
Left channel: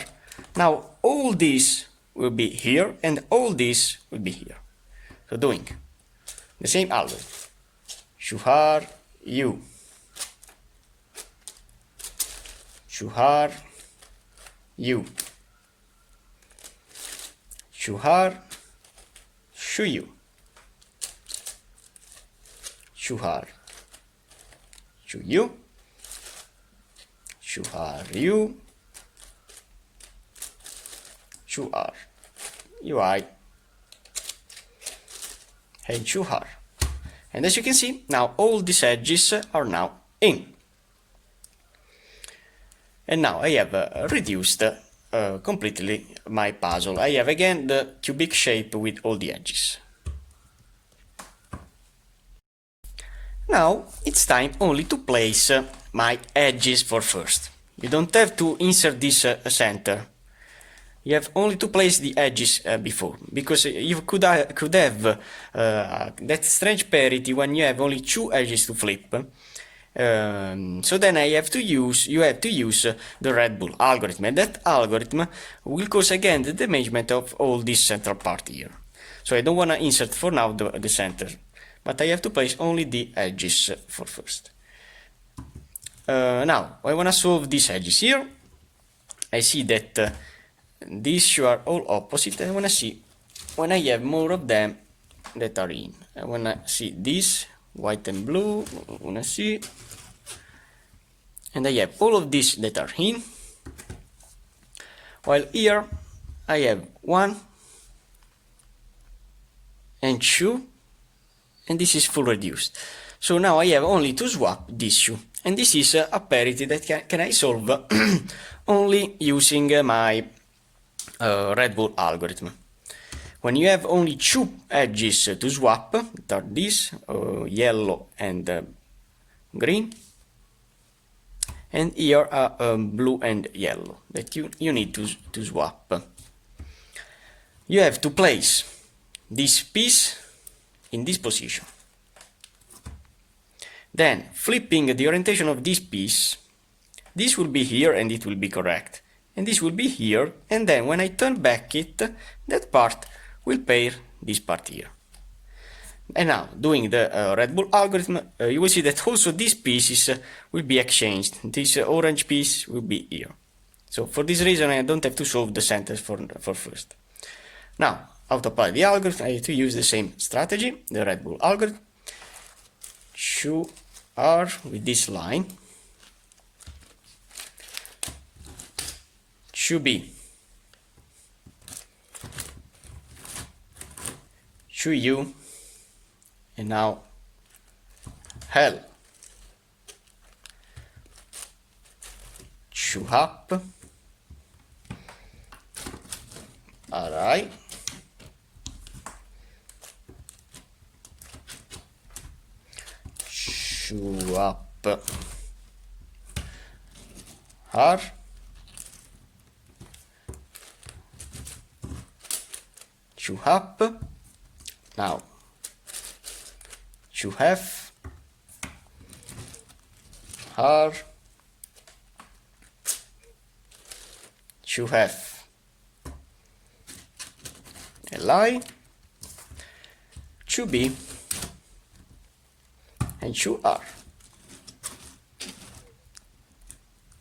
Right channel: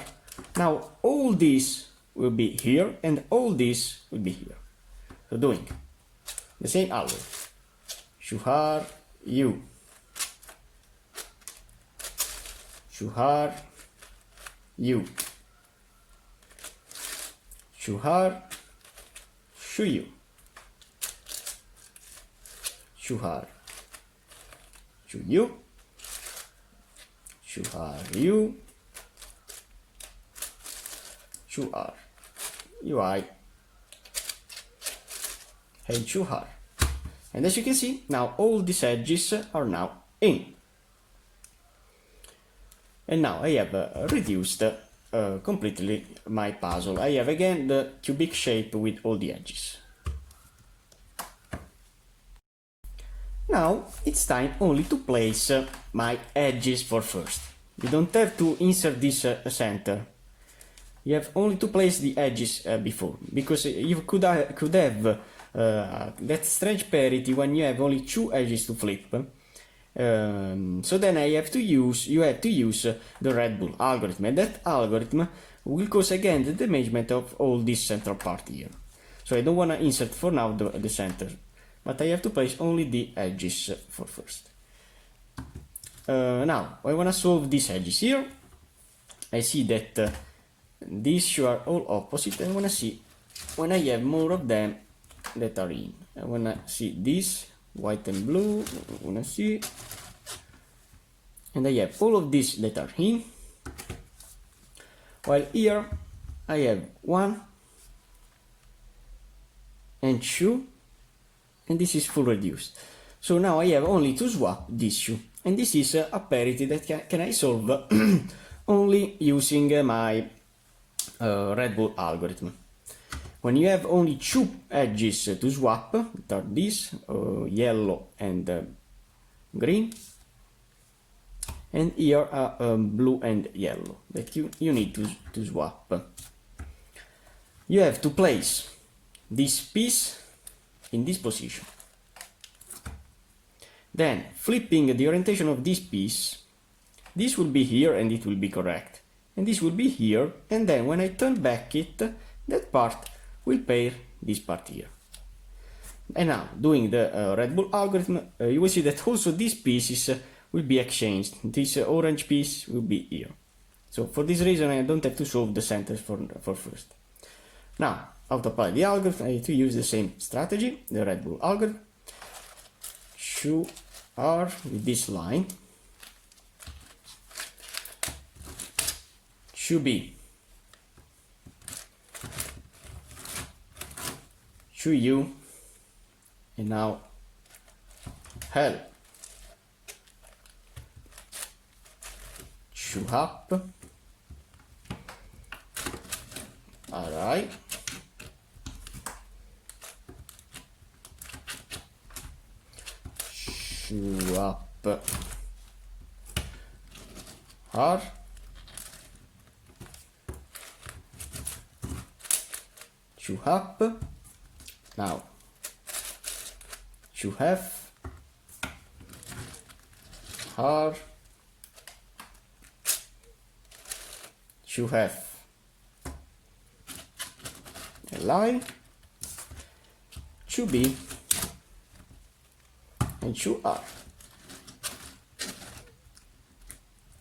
now all this will be here and all this will be here. So doing the same algorithm. Shoe R, U. Shoe R, U. Shoe R, shoe U. Shoe R, shoe U. Shoe R, U. Shoe R, UI, and shoe R. And as you can see, now all these edges are now in. And now I have reduced completely my puzzle. I have again the cubic shape with all the edges. Now it's time only to place my edges for first. You don't have to insert this center. You have only to place the edges before, because you could have that strange parity when you have only two edges to flip. So then you have to use the Red Bull algorithm, and that algorithm will cause again the damagement of all this central part here. So I don't want to insert for now the center, but I have to place only the edges for first. Now I want to solve these edges here. I see that these two are all opposite. I want to see when I have more of them that are in. I want to see this white and blue. I want to see, and I have all of these that are in, while here I have 1 and 2, and this is full reduced. So now I have only to swap this shoe, and this is a parity that can I solve only using my Red Bull algorithm. When you have only two edges to swap, that are this yellow and green, and here are blue and yellow that you need to swap, you have to place this piece in this position. Then flipping the orientation of this piece, this will be here and it will be correct, and this will be here, and then when I turn back it, that part will pair this part here. And now doing the Red Bull algorithm, you will see that also these pieces will be exchanged. This orange piece will be here. So for this reason I don't have to solve the centers for first. Now how to apply the algorithm, I have to use the same strategy, the Red Bull algorithm. Shoe R with this line, shoe B, shoe U, and now L, shoe up, alright, shoe up, R, shoe up, now shoe F, R, shoe F, LI, shoe B, and shoe R.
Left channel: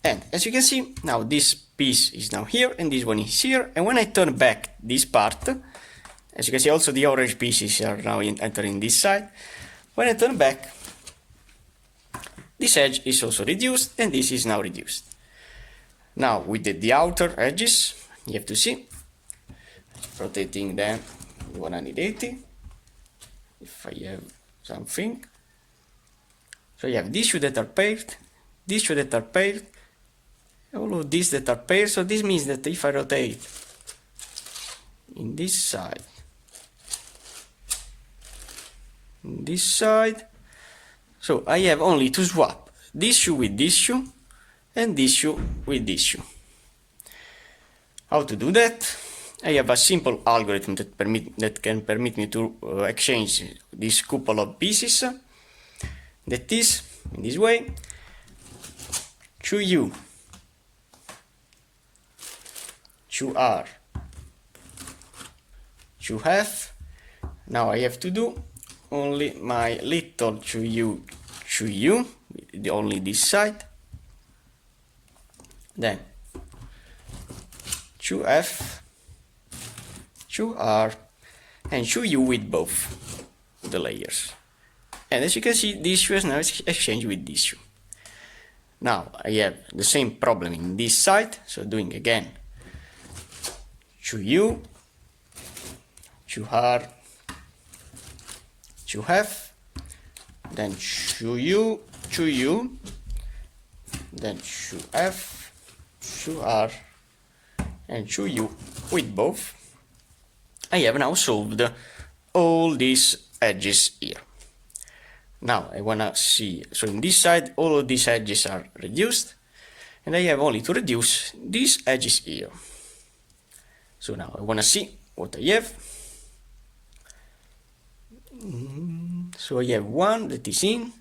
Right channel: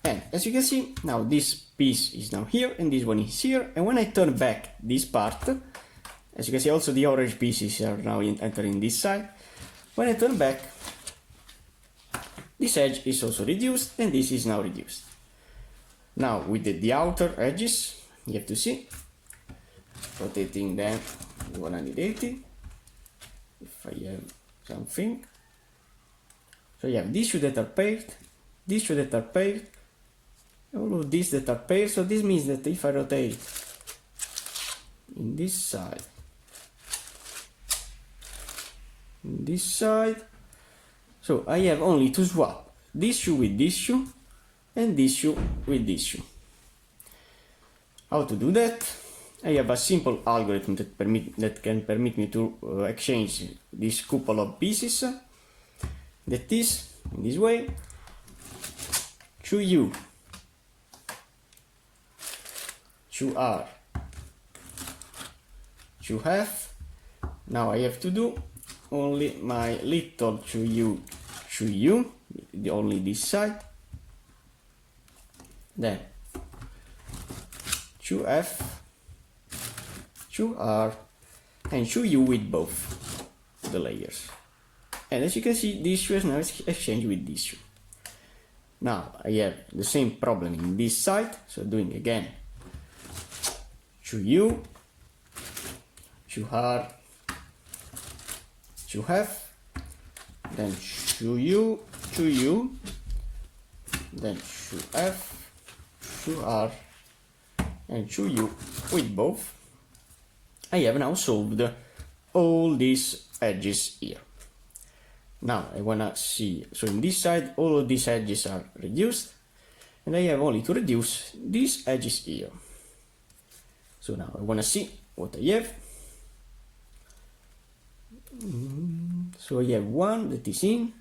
And as you can see, now this piece is now here and this one is here, and when I turn back this part, as you can see also the orange pieces are now entering this side. When I turn back, this edge is also reduced and this is now reduced. Now with the outer edges, you have to see, rotating them 180, if I have something. So you have these two that are paired, these two that are paired, all of these that are paired. So this means that if I rotate in this side, in this side. So I have only to swap this shoe with this shoe and this shoe with this shoe. How to do that? I have a simple algorithm that can permit me to exchange this couple of pieces. That is, in this way, to U, to R, to F. Now I have to do only my little to U, only this side. Then to F, to R, and to U with both the layers. And as you can see, this shoe is now exchanged with this shoe. Now I have the same problem in this side, so doing again to U, to R, to F, then to U, then to F, to R, and to U with both. I have now solved all these edges here. Now I wanna see, so in this side all of these edges are reduced, and I have only to reduce these edges here. So now I wanna see what I have. So I have one that is in.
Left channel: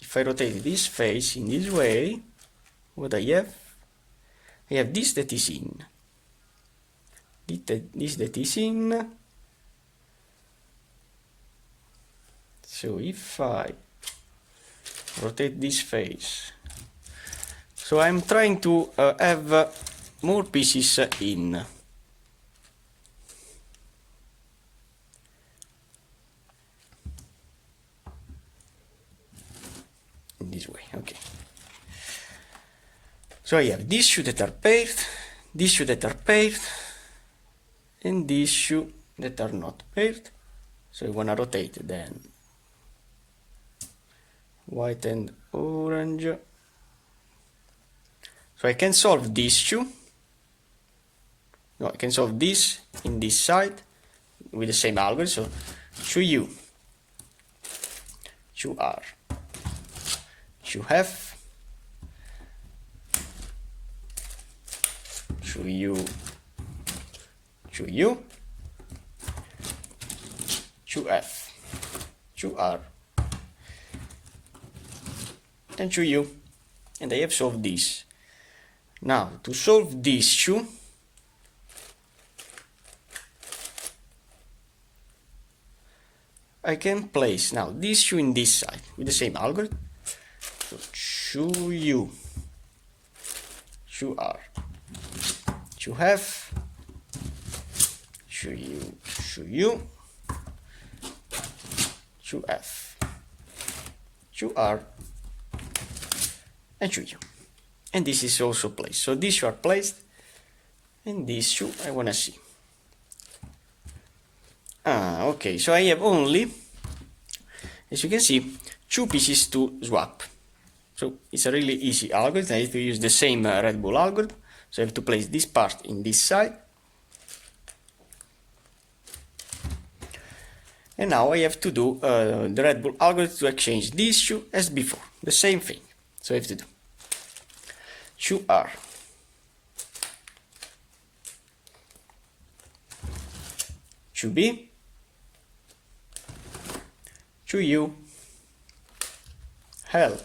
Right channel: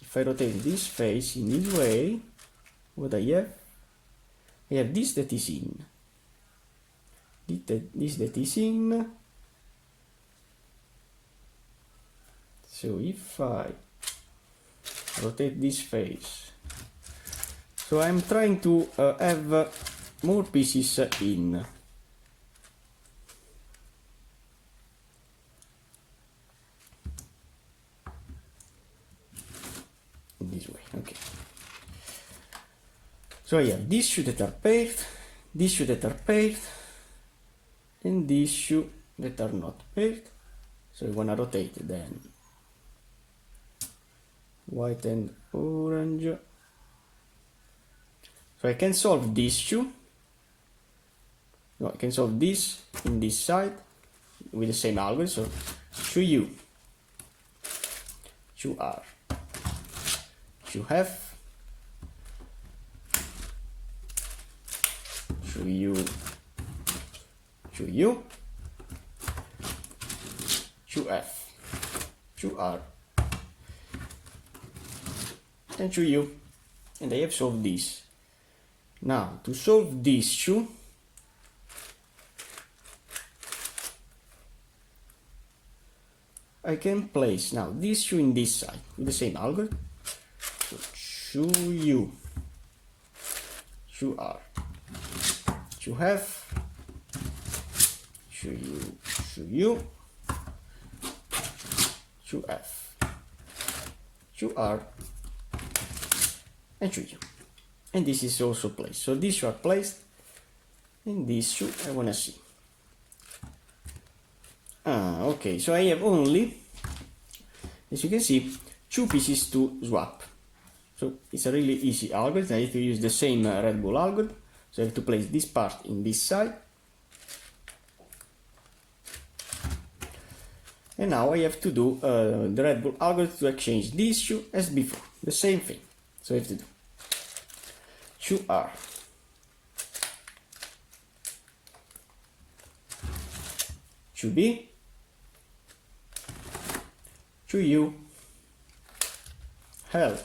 If I rotate this face in this way, what I have this that is in. This that is in. So if I rotate this face, so I'm trying to have more pieces in. In this way, okay. So I have these shoes that are paired, these shoes that are paired, and these shoes that are not paired. So I want to rotate then white and orange. So I can solve this shoe. No, I can solve this in this side with the same algorithm. So to U, to R, to F, to U, to F, to R, and to U, and I have solved this. Now to solve this shoe, I can place now this shoe in this side with the same algorithm. So to U, to R, to F, to U, to F, to R, and to U. And this is also placed. So these shoes are placed, and this shoe I want to see. Okay, so I have only, as you can see, two pieces to swap. So it's a really easy algorithm. I have to use the same Red Bull algorithm. So I have to place this part in this side. And now I have to do the Red Bull algorithm to exchange this shoe as before. The same thing. So I have to do to R, to B, to U, L,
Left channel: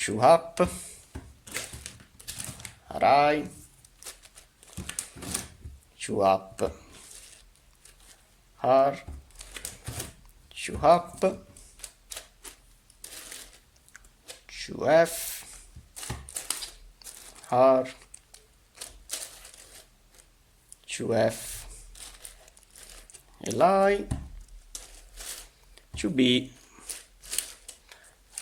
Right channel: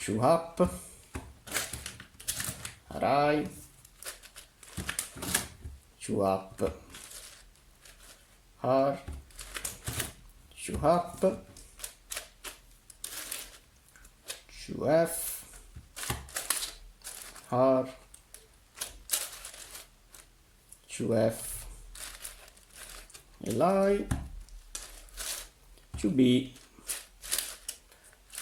to up, right, to up, R, to up, to F, R, to F, Li, to B,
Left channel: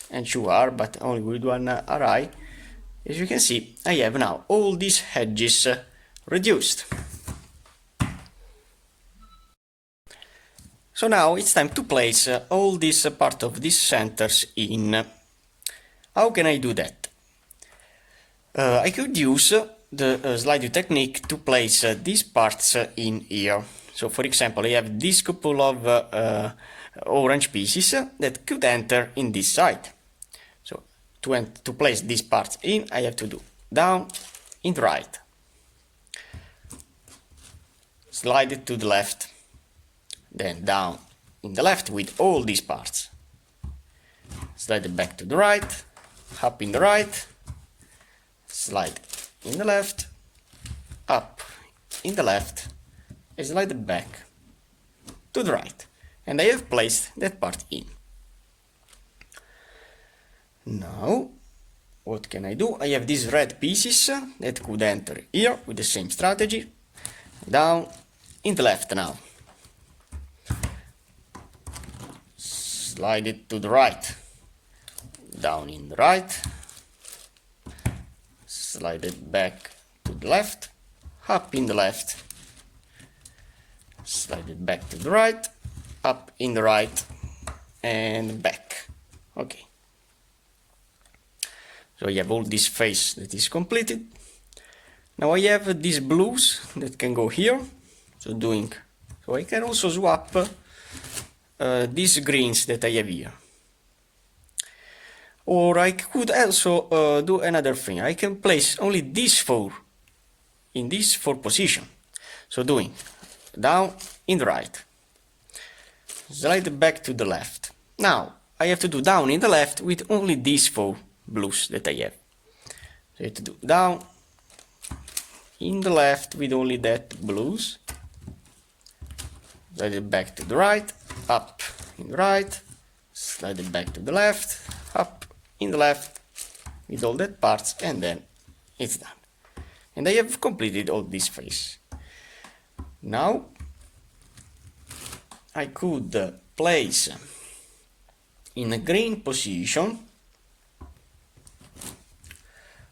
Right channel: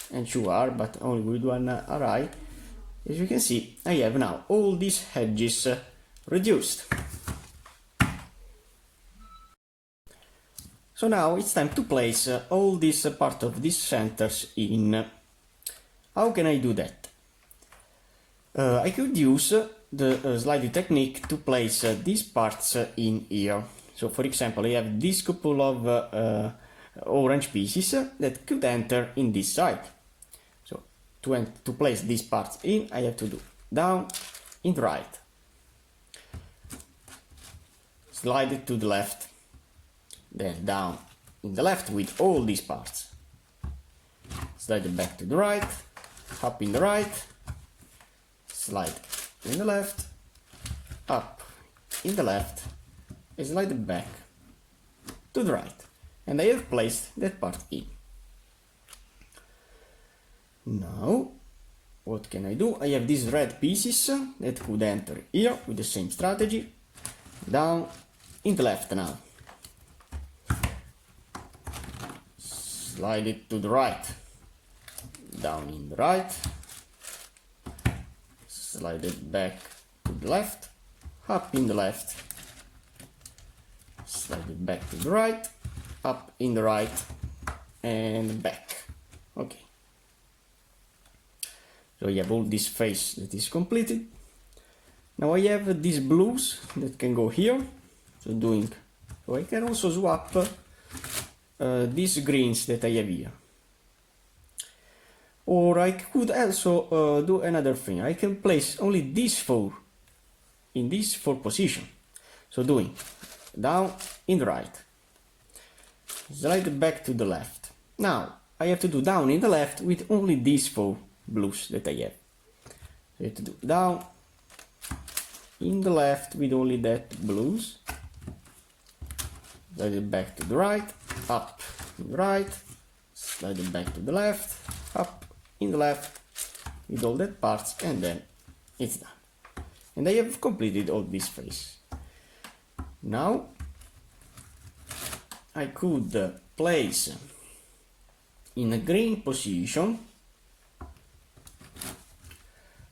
and to R, but only with one Ri. As you can see, I have now all these edges reduced. So now it's time to place all this part of these centers in. How can I do that? I could use the slide view technique to place these parts in here. So for example, I have this couple of orange pieces that could enter in this side. So to place these parts in, I have to do down in the right, slide it to the left, then down in the left with all these parts, slide it back to the right, up in the right, slide in the left, up in the left, and slide it back to the right. And I have placed that part in. Now, what can I do? I have these red pieces that could enter here with the same strategy. Down in the left now. Slide it to the right. Down in the right. Slide it back to the left. Up in the left. Slide it back to the right. Up in the right. And back. Okay. So I have all this face that is completed. Now I have these blues that can go here. So I can also swap these greens that I have here. Or I could also do another thing. I can place only these four in this four position. So doing down in the right, slide back to the left. Now I have to do down in the left with only these four blues that I have. So I have to do down in the left with only that blues, slide it back to the right, up in the right, slide it back to the left, up in the left with all that parts, and then it's done. And I have completed all this phase. Now I could place in a green position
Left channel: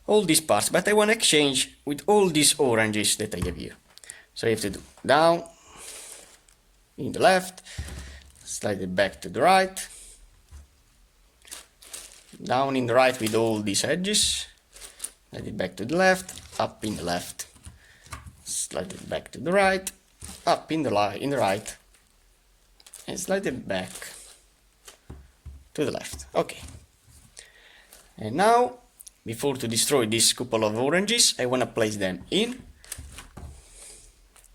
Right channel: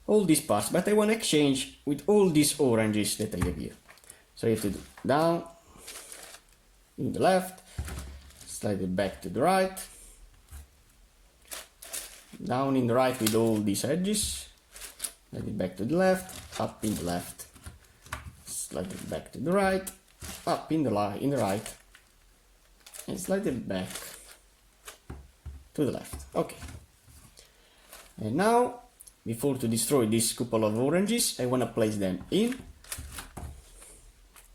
all these parts, but I want to exchange with all these oranges that I have here. So I have to do down in the left, slide it back to the right, down in the right with all these edges, slide it back to the left, up in the left, slide it back to the right, up in the right, and slide it back to the left. Okay. And now, before to destroy this couple of oranges, I want to place them in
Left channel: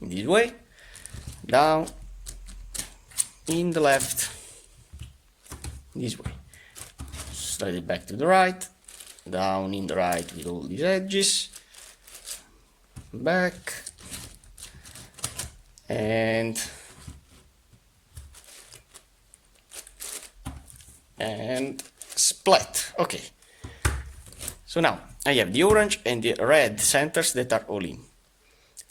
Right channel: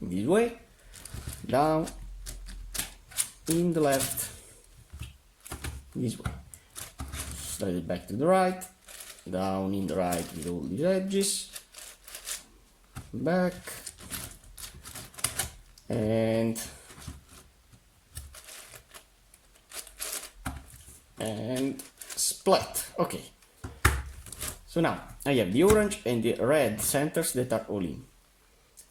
this way, down in the left, this way, slide it back to the right, down in the right with all these edges, back, and split. Okay. So now I have the orange and the red centers that are all in.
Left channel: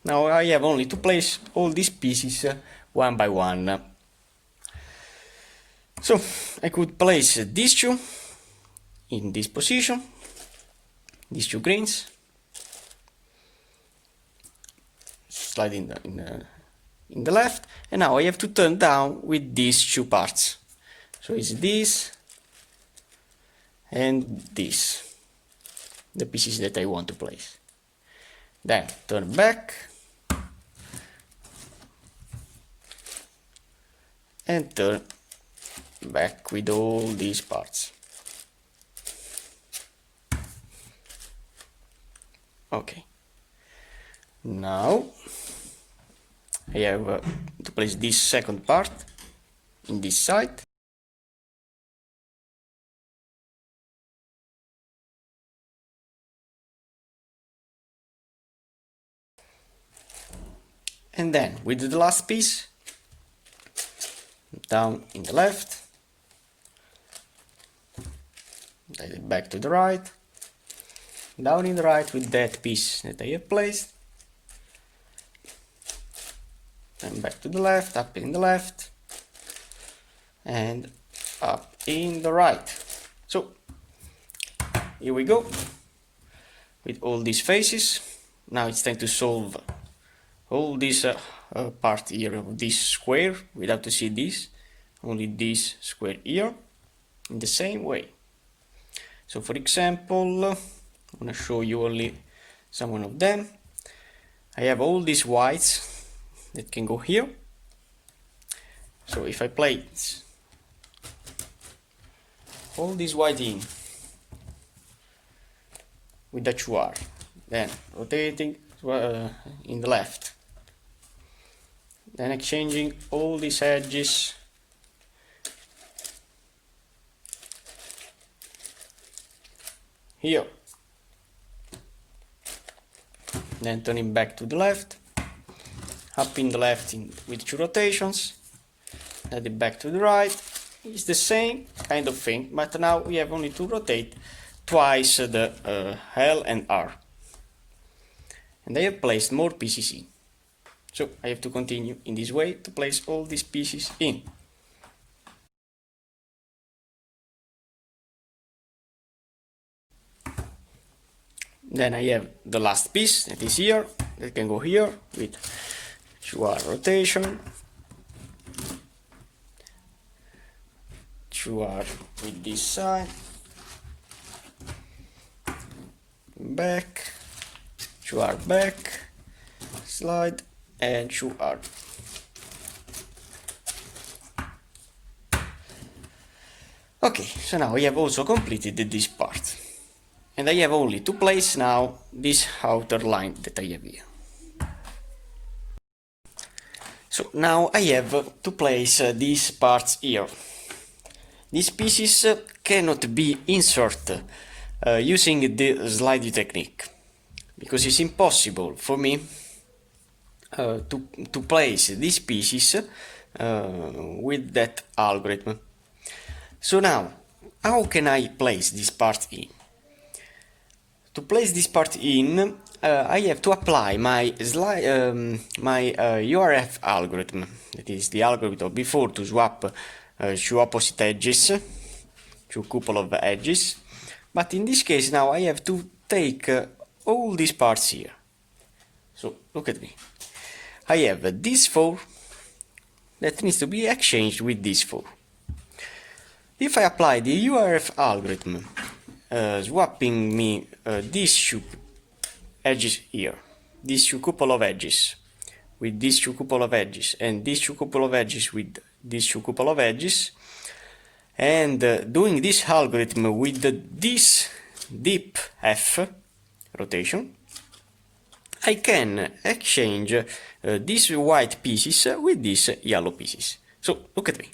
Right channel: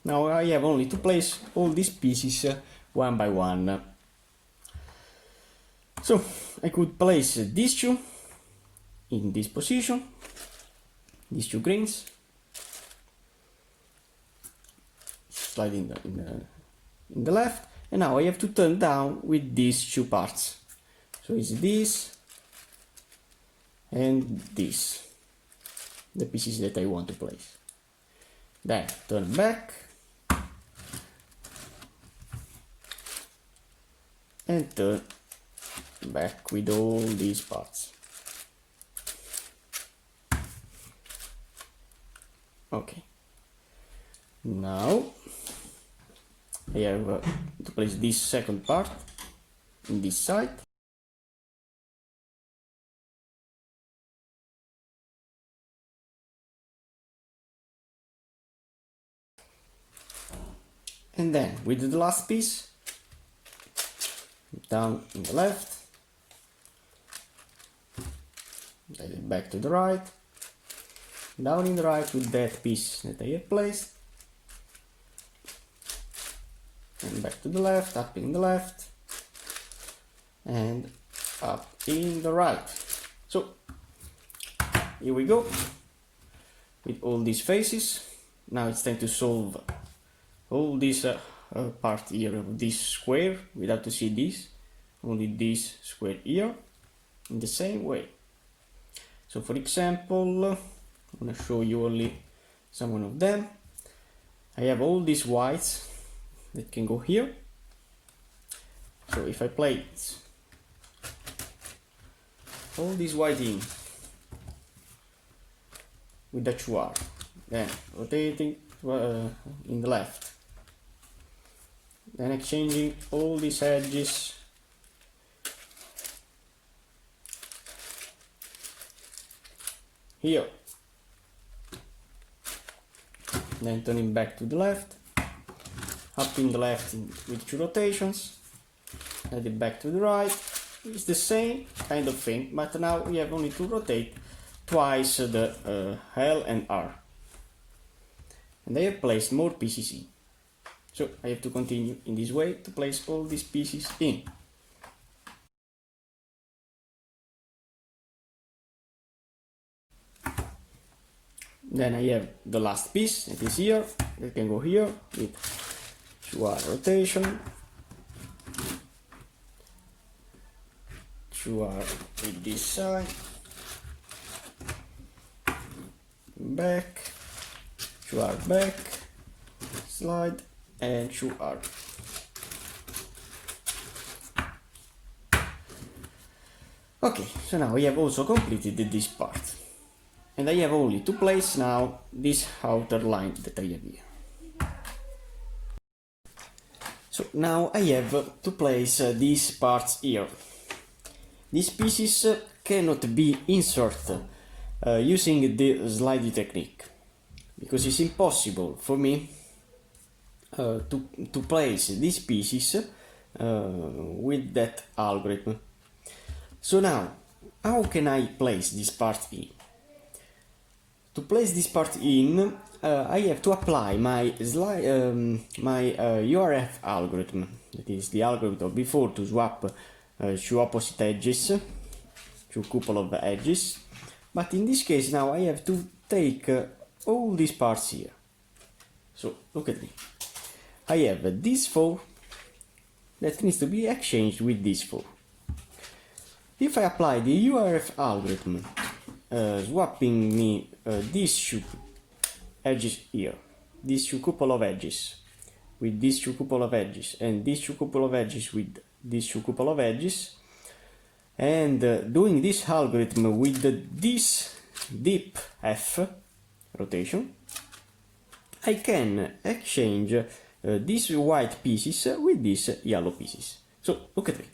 Now I have only to place all these pieces one by one. So I could place these two in this position, these two greens, slide in the left, and now I have to turn down with these two parts. So it's this and this, the pieces that I want to place. Then turn back and turn back with all these parts. Okay. Now I have to place this second part in this side. And then with the last piece, down in the left, slide it back to the right, down in the right with that piece that I have placed, and back to the left, up in the left, and up in the right. So here we go with all these faces. Now it's time to solve all this part here of this square without to see this, only this square here, in the same way. So for example, I'm going to show you only some one of them. I have all these whites that can go here. So if I place all these white in with the QR, then rotating in the left, then exchanging all these edges here, then turning back to the left, up in the left with 2 rotations, then it back to the right. It's the same kind of thing, but now we have only to rotate twice the L and R. And I have placed more pieces in. So I have to continue in this way to place all these pieces in. Then I have the last piece that is here, that can go here with 2R rotation, 2R with this side, back, 2R back, slide, and 2R. Okay, so now we have also completed this part. And I have only to place now this outer line that I have here. So now I have to place these parts here. These pieces cannot be inserted using the slide technique, because it's impossible for me to place these pieces with that algorithm. So now, how can I place this part in? To place this part in, I have to apply my URF algorithm, that is the algorithm before to swap 2 opposite edges, 2 couple of edges, but in this case now I have to take all these parts here. So look at me, I have this 4 that needs to be exchanged with this 4. If I apply the URF algorithm, swapping me these 2 edges here, these 2 couple of edges with these 2 couple of edges, and these 2 couple of edges with these 2 couple of edges, and doing this algorithm with this deep F rotation, I can exchange these white pieces with these yellow pieces. So look at me.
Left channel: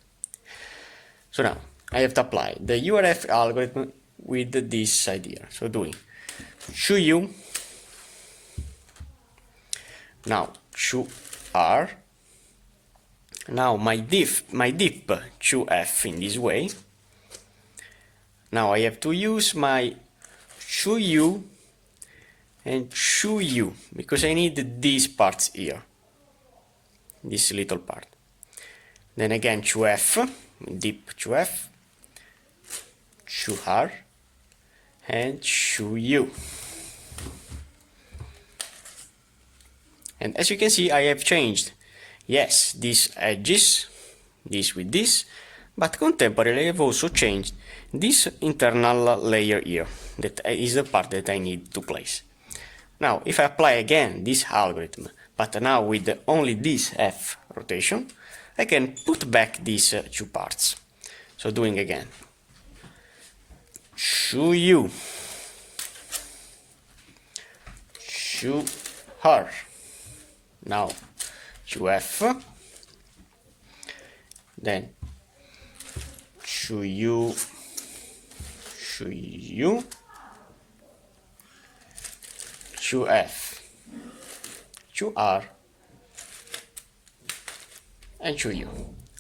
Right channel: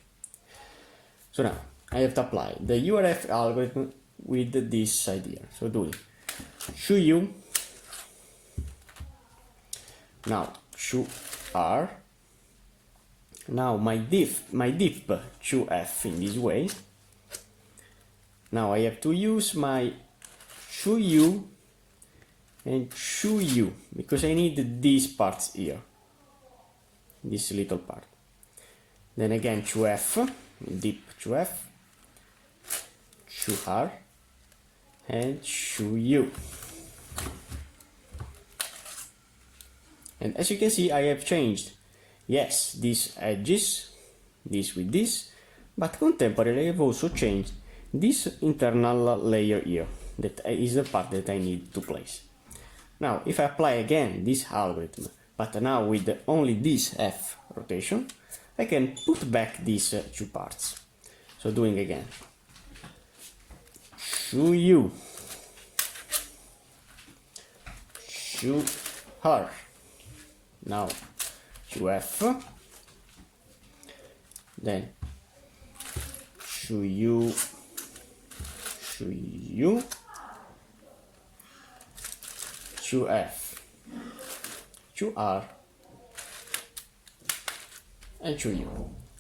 So now I have to apply the URF algorithm with this side here. So doing 2U, now 2R, now my dip 2F in this way. Now I have to use my 2U and 2U because I need these parts here, this little part. Then again 2F, dip 2F, 2R, and 2U. And as you can see, I have changed, yes, these edges, this with this, but contemporarily I have also changed this internal layer here, that is the part that I need to place. Now, if I apply again this algorithm, but now with only this F rotation, I can put back these 2 parts. So doing again 2U, 2R, now 2F, then 2U, 2U, 2F, 2R, and 2U.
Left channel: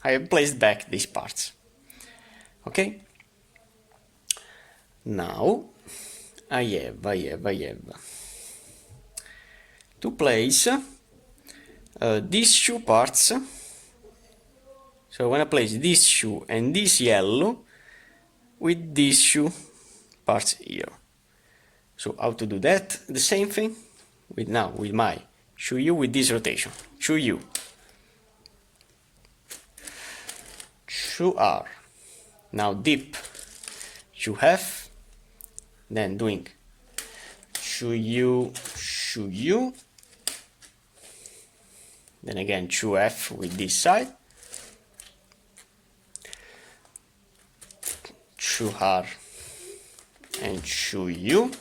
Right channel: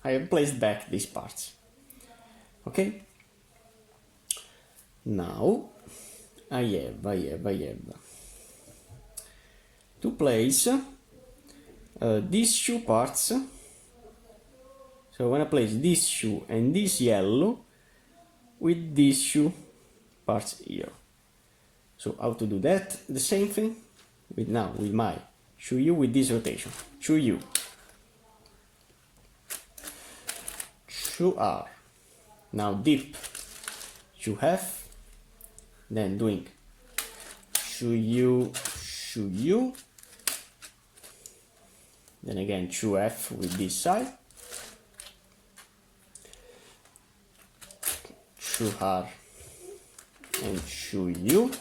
I have placed back these parts. Okay? Now I have to place these 2 parts. So when I place these 2 and this yellow with these 2 parts here. So how to do that? The same thing with now with my 2U with this rotation. 2U, 2R, now dip 2F, then doing chu u, then again chu f with this side, chu r and chu u.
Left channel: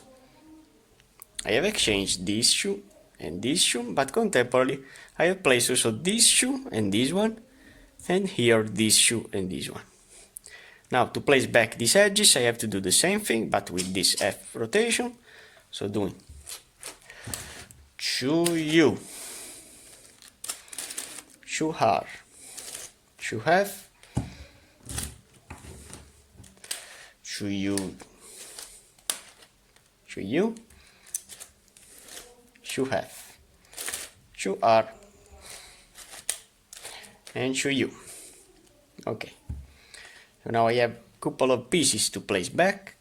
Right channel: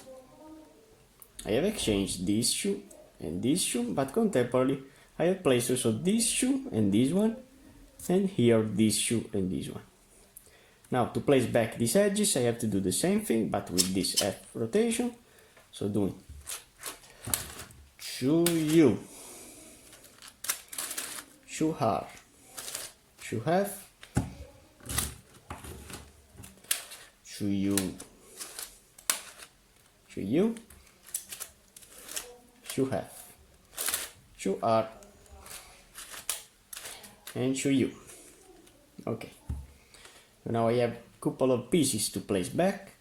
I have exchanged this chu and this chu, but contemporarily I have placed also this chu and this one, and here this chu and this one. Now to place back these edges I have to do the same thing but with this F rotation, so doing chu u, chu r, chu f, chu u, chu u, chu f, chu r, and chu u. Okay, so now I have a couple of pieces to place back.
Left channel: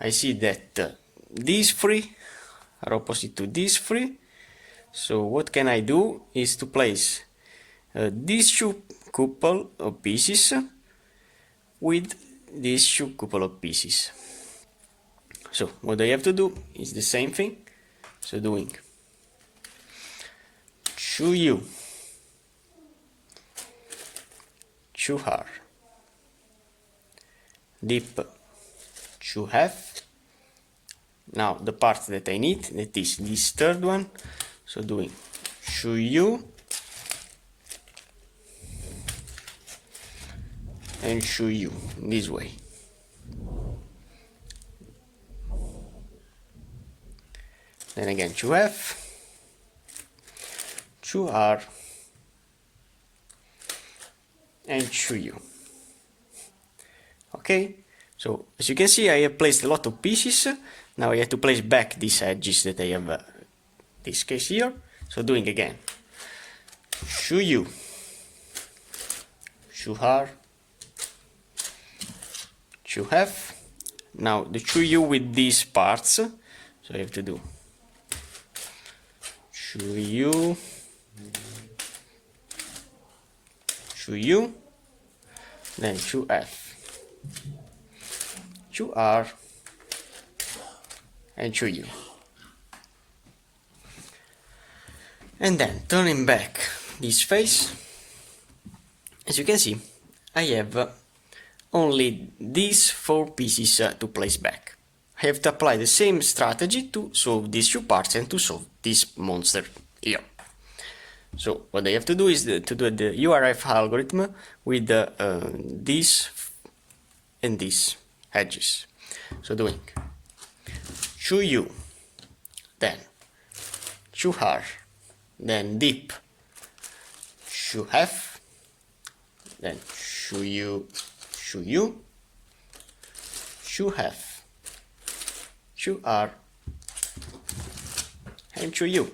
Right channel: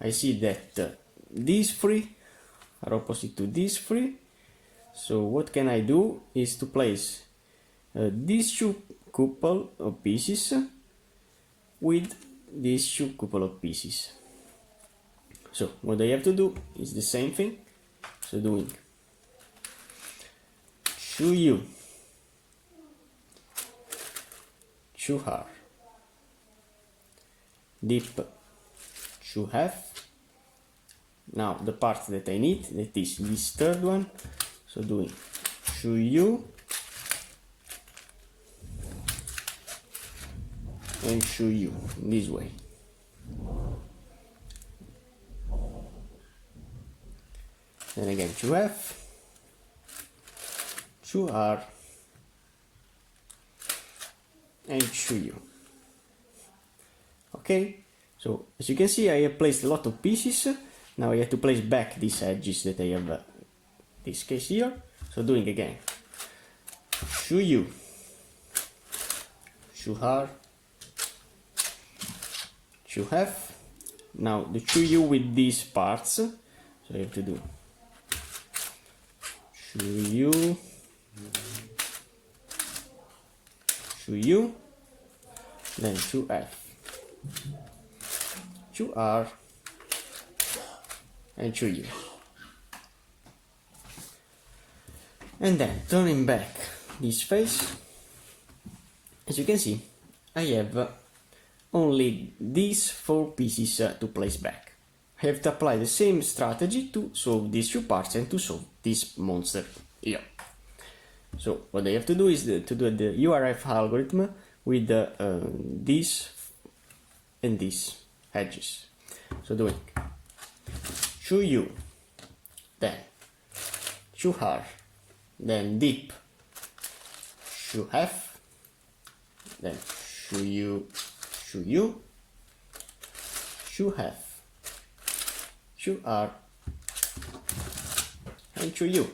I see that these three are opposite to these three, so what can I do is to place these two couple of pieces with these two couple of pieces. So what I have to do is the same thing, so doing chu u, chu r, dip chu f. Now the part that I need, that is this third one, so doing chu u and chu u in this way. Then again chu f, chu r, and chu u. Okay, so as you can see I have placed a lot of pieces. Now I have to place back these edges that I have this case here, so doing again chu u, chu r, chu f. Now the chu u with these parts, so I have to do chu u, chu u, then chu f, chu r, and chu u. And then turning back this face, as you can see I have only these four pieces to place back. I have to apply the same strategy to solve these two parts and to solve this monster here. So what I have to do is to do the URF algorithm with these and these edges. So doing chu u, then chu r, then dip chu f, then chu u, chu f, chu r, and chu u.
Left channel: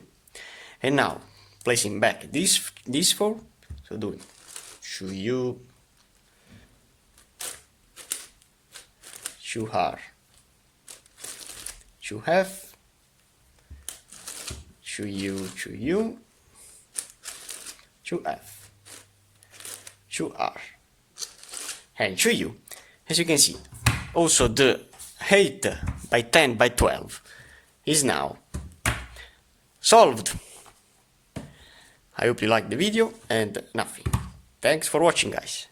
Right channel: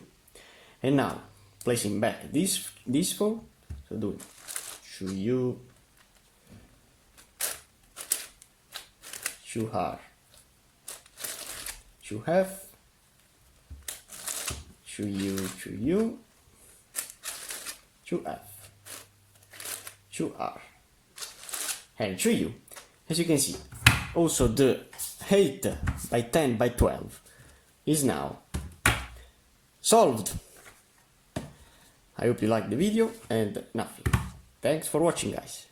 And now placing back these four, so doing chu u, chu r, chu f, chu u, chu f, chu r, and chu u. As you can see, also the 8x10x12 is now solved. I hope you liked the video and nothing. Thanks for watching, guys.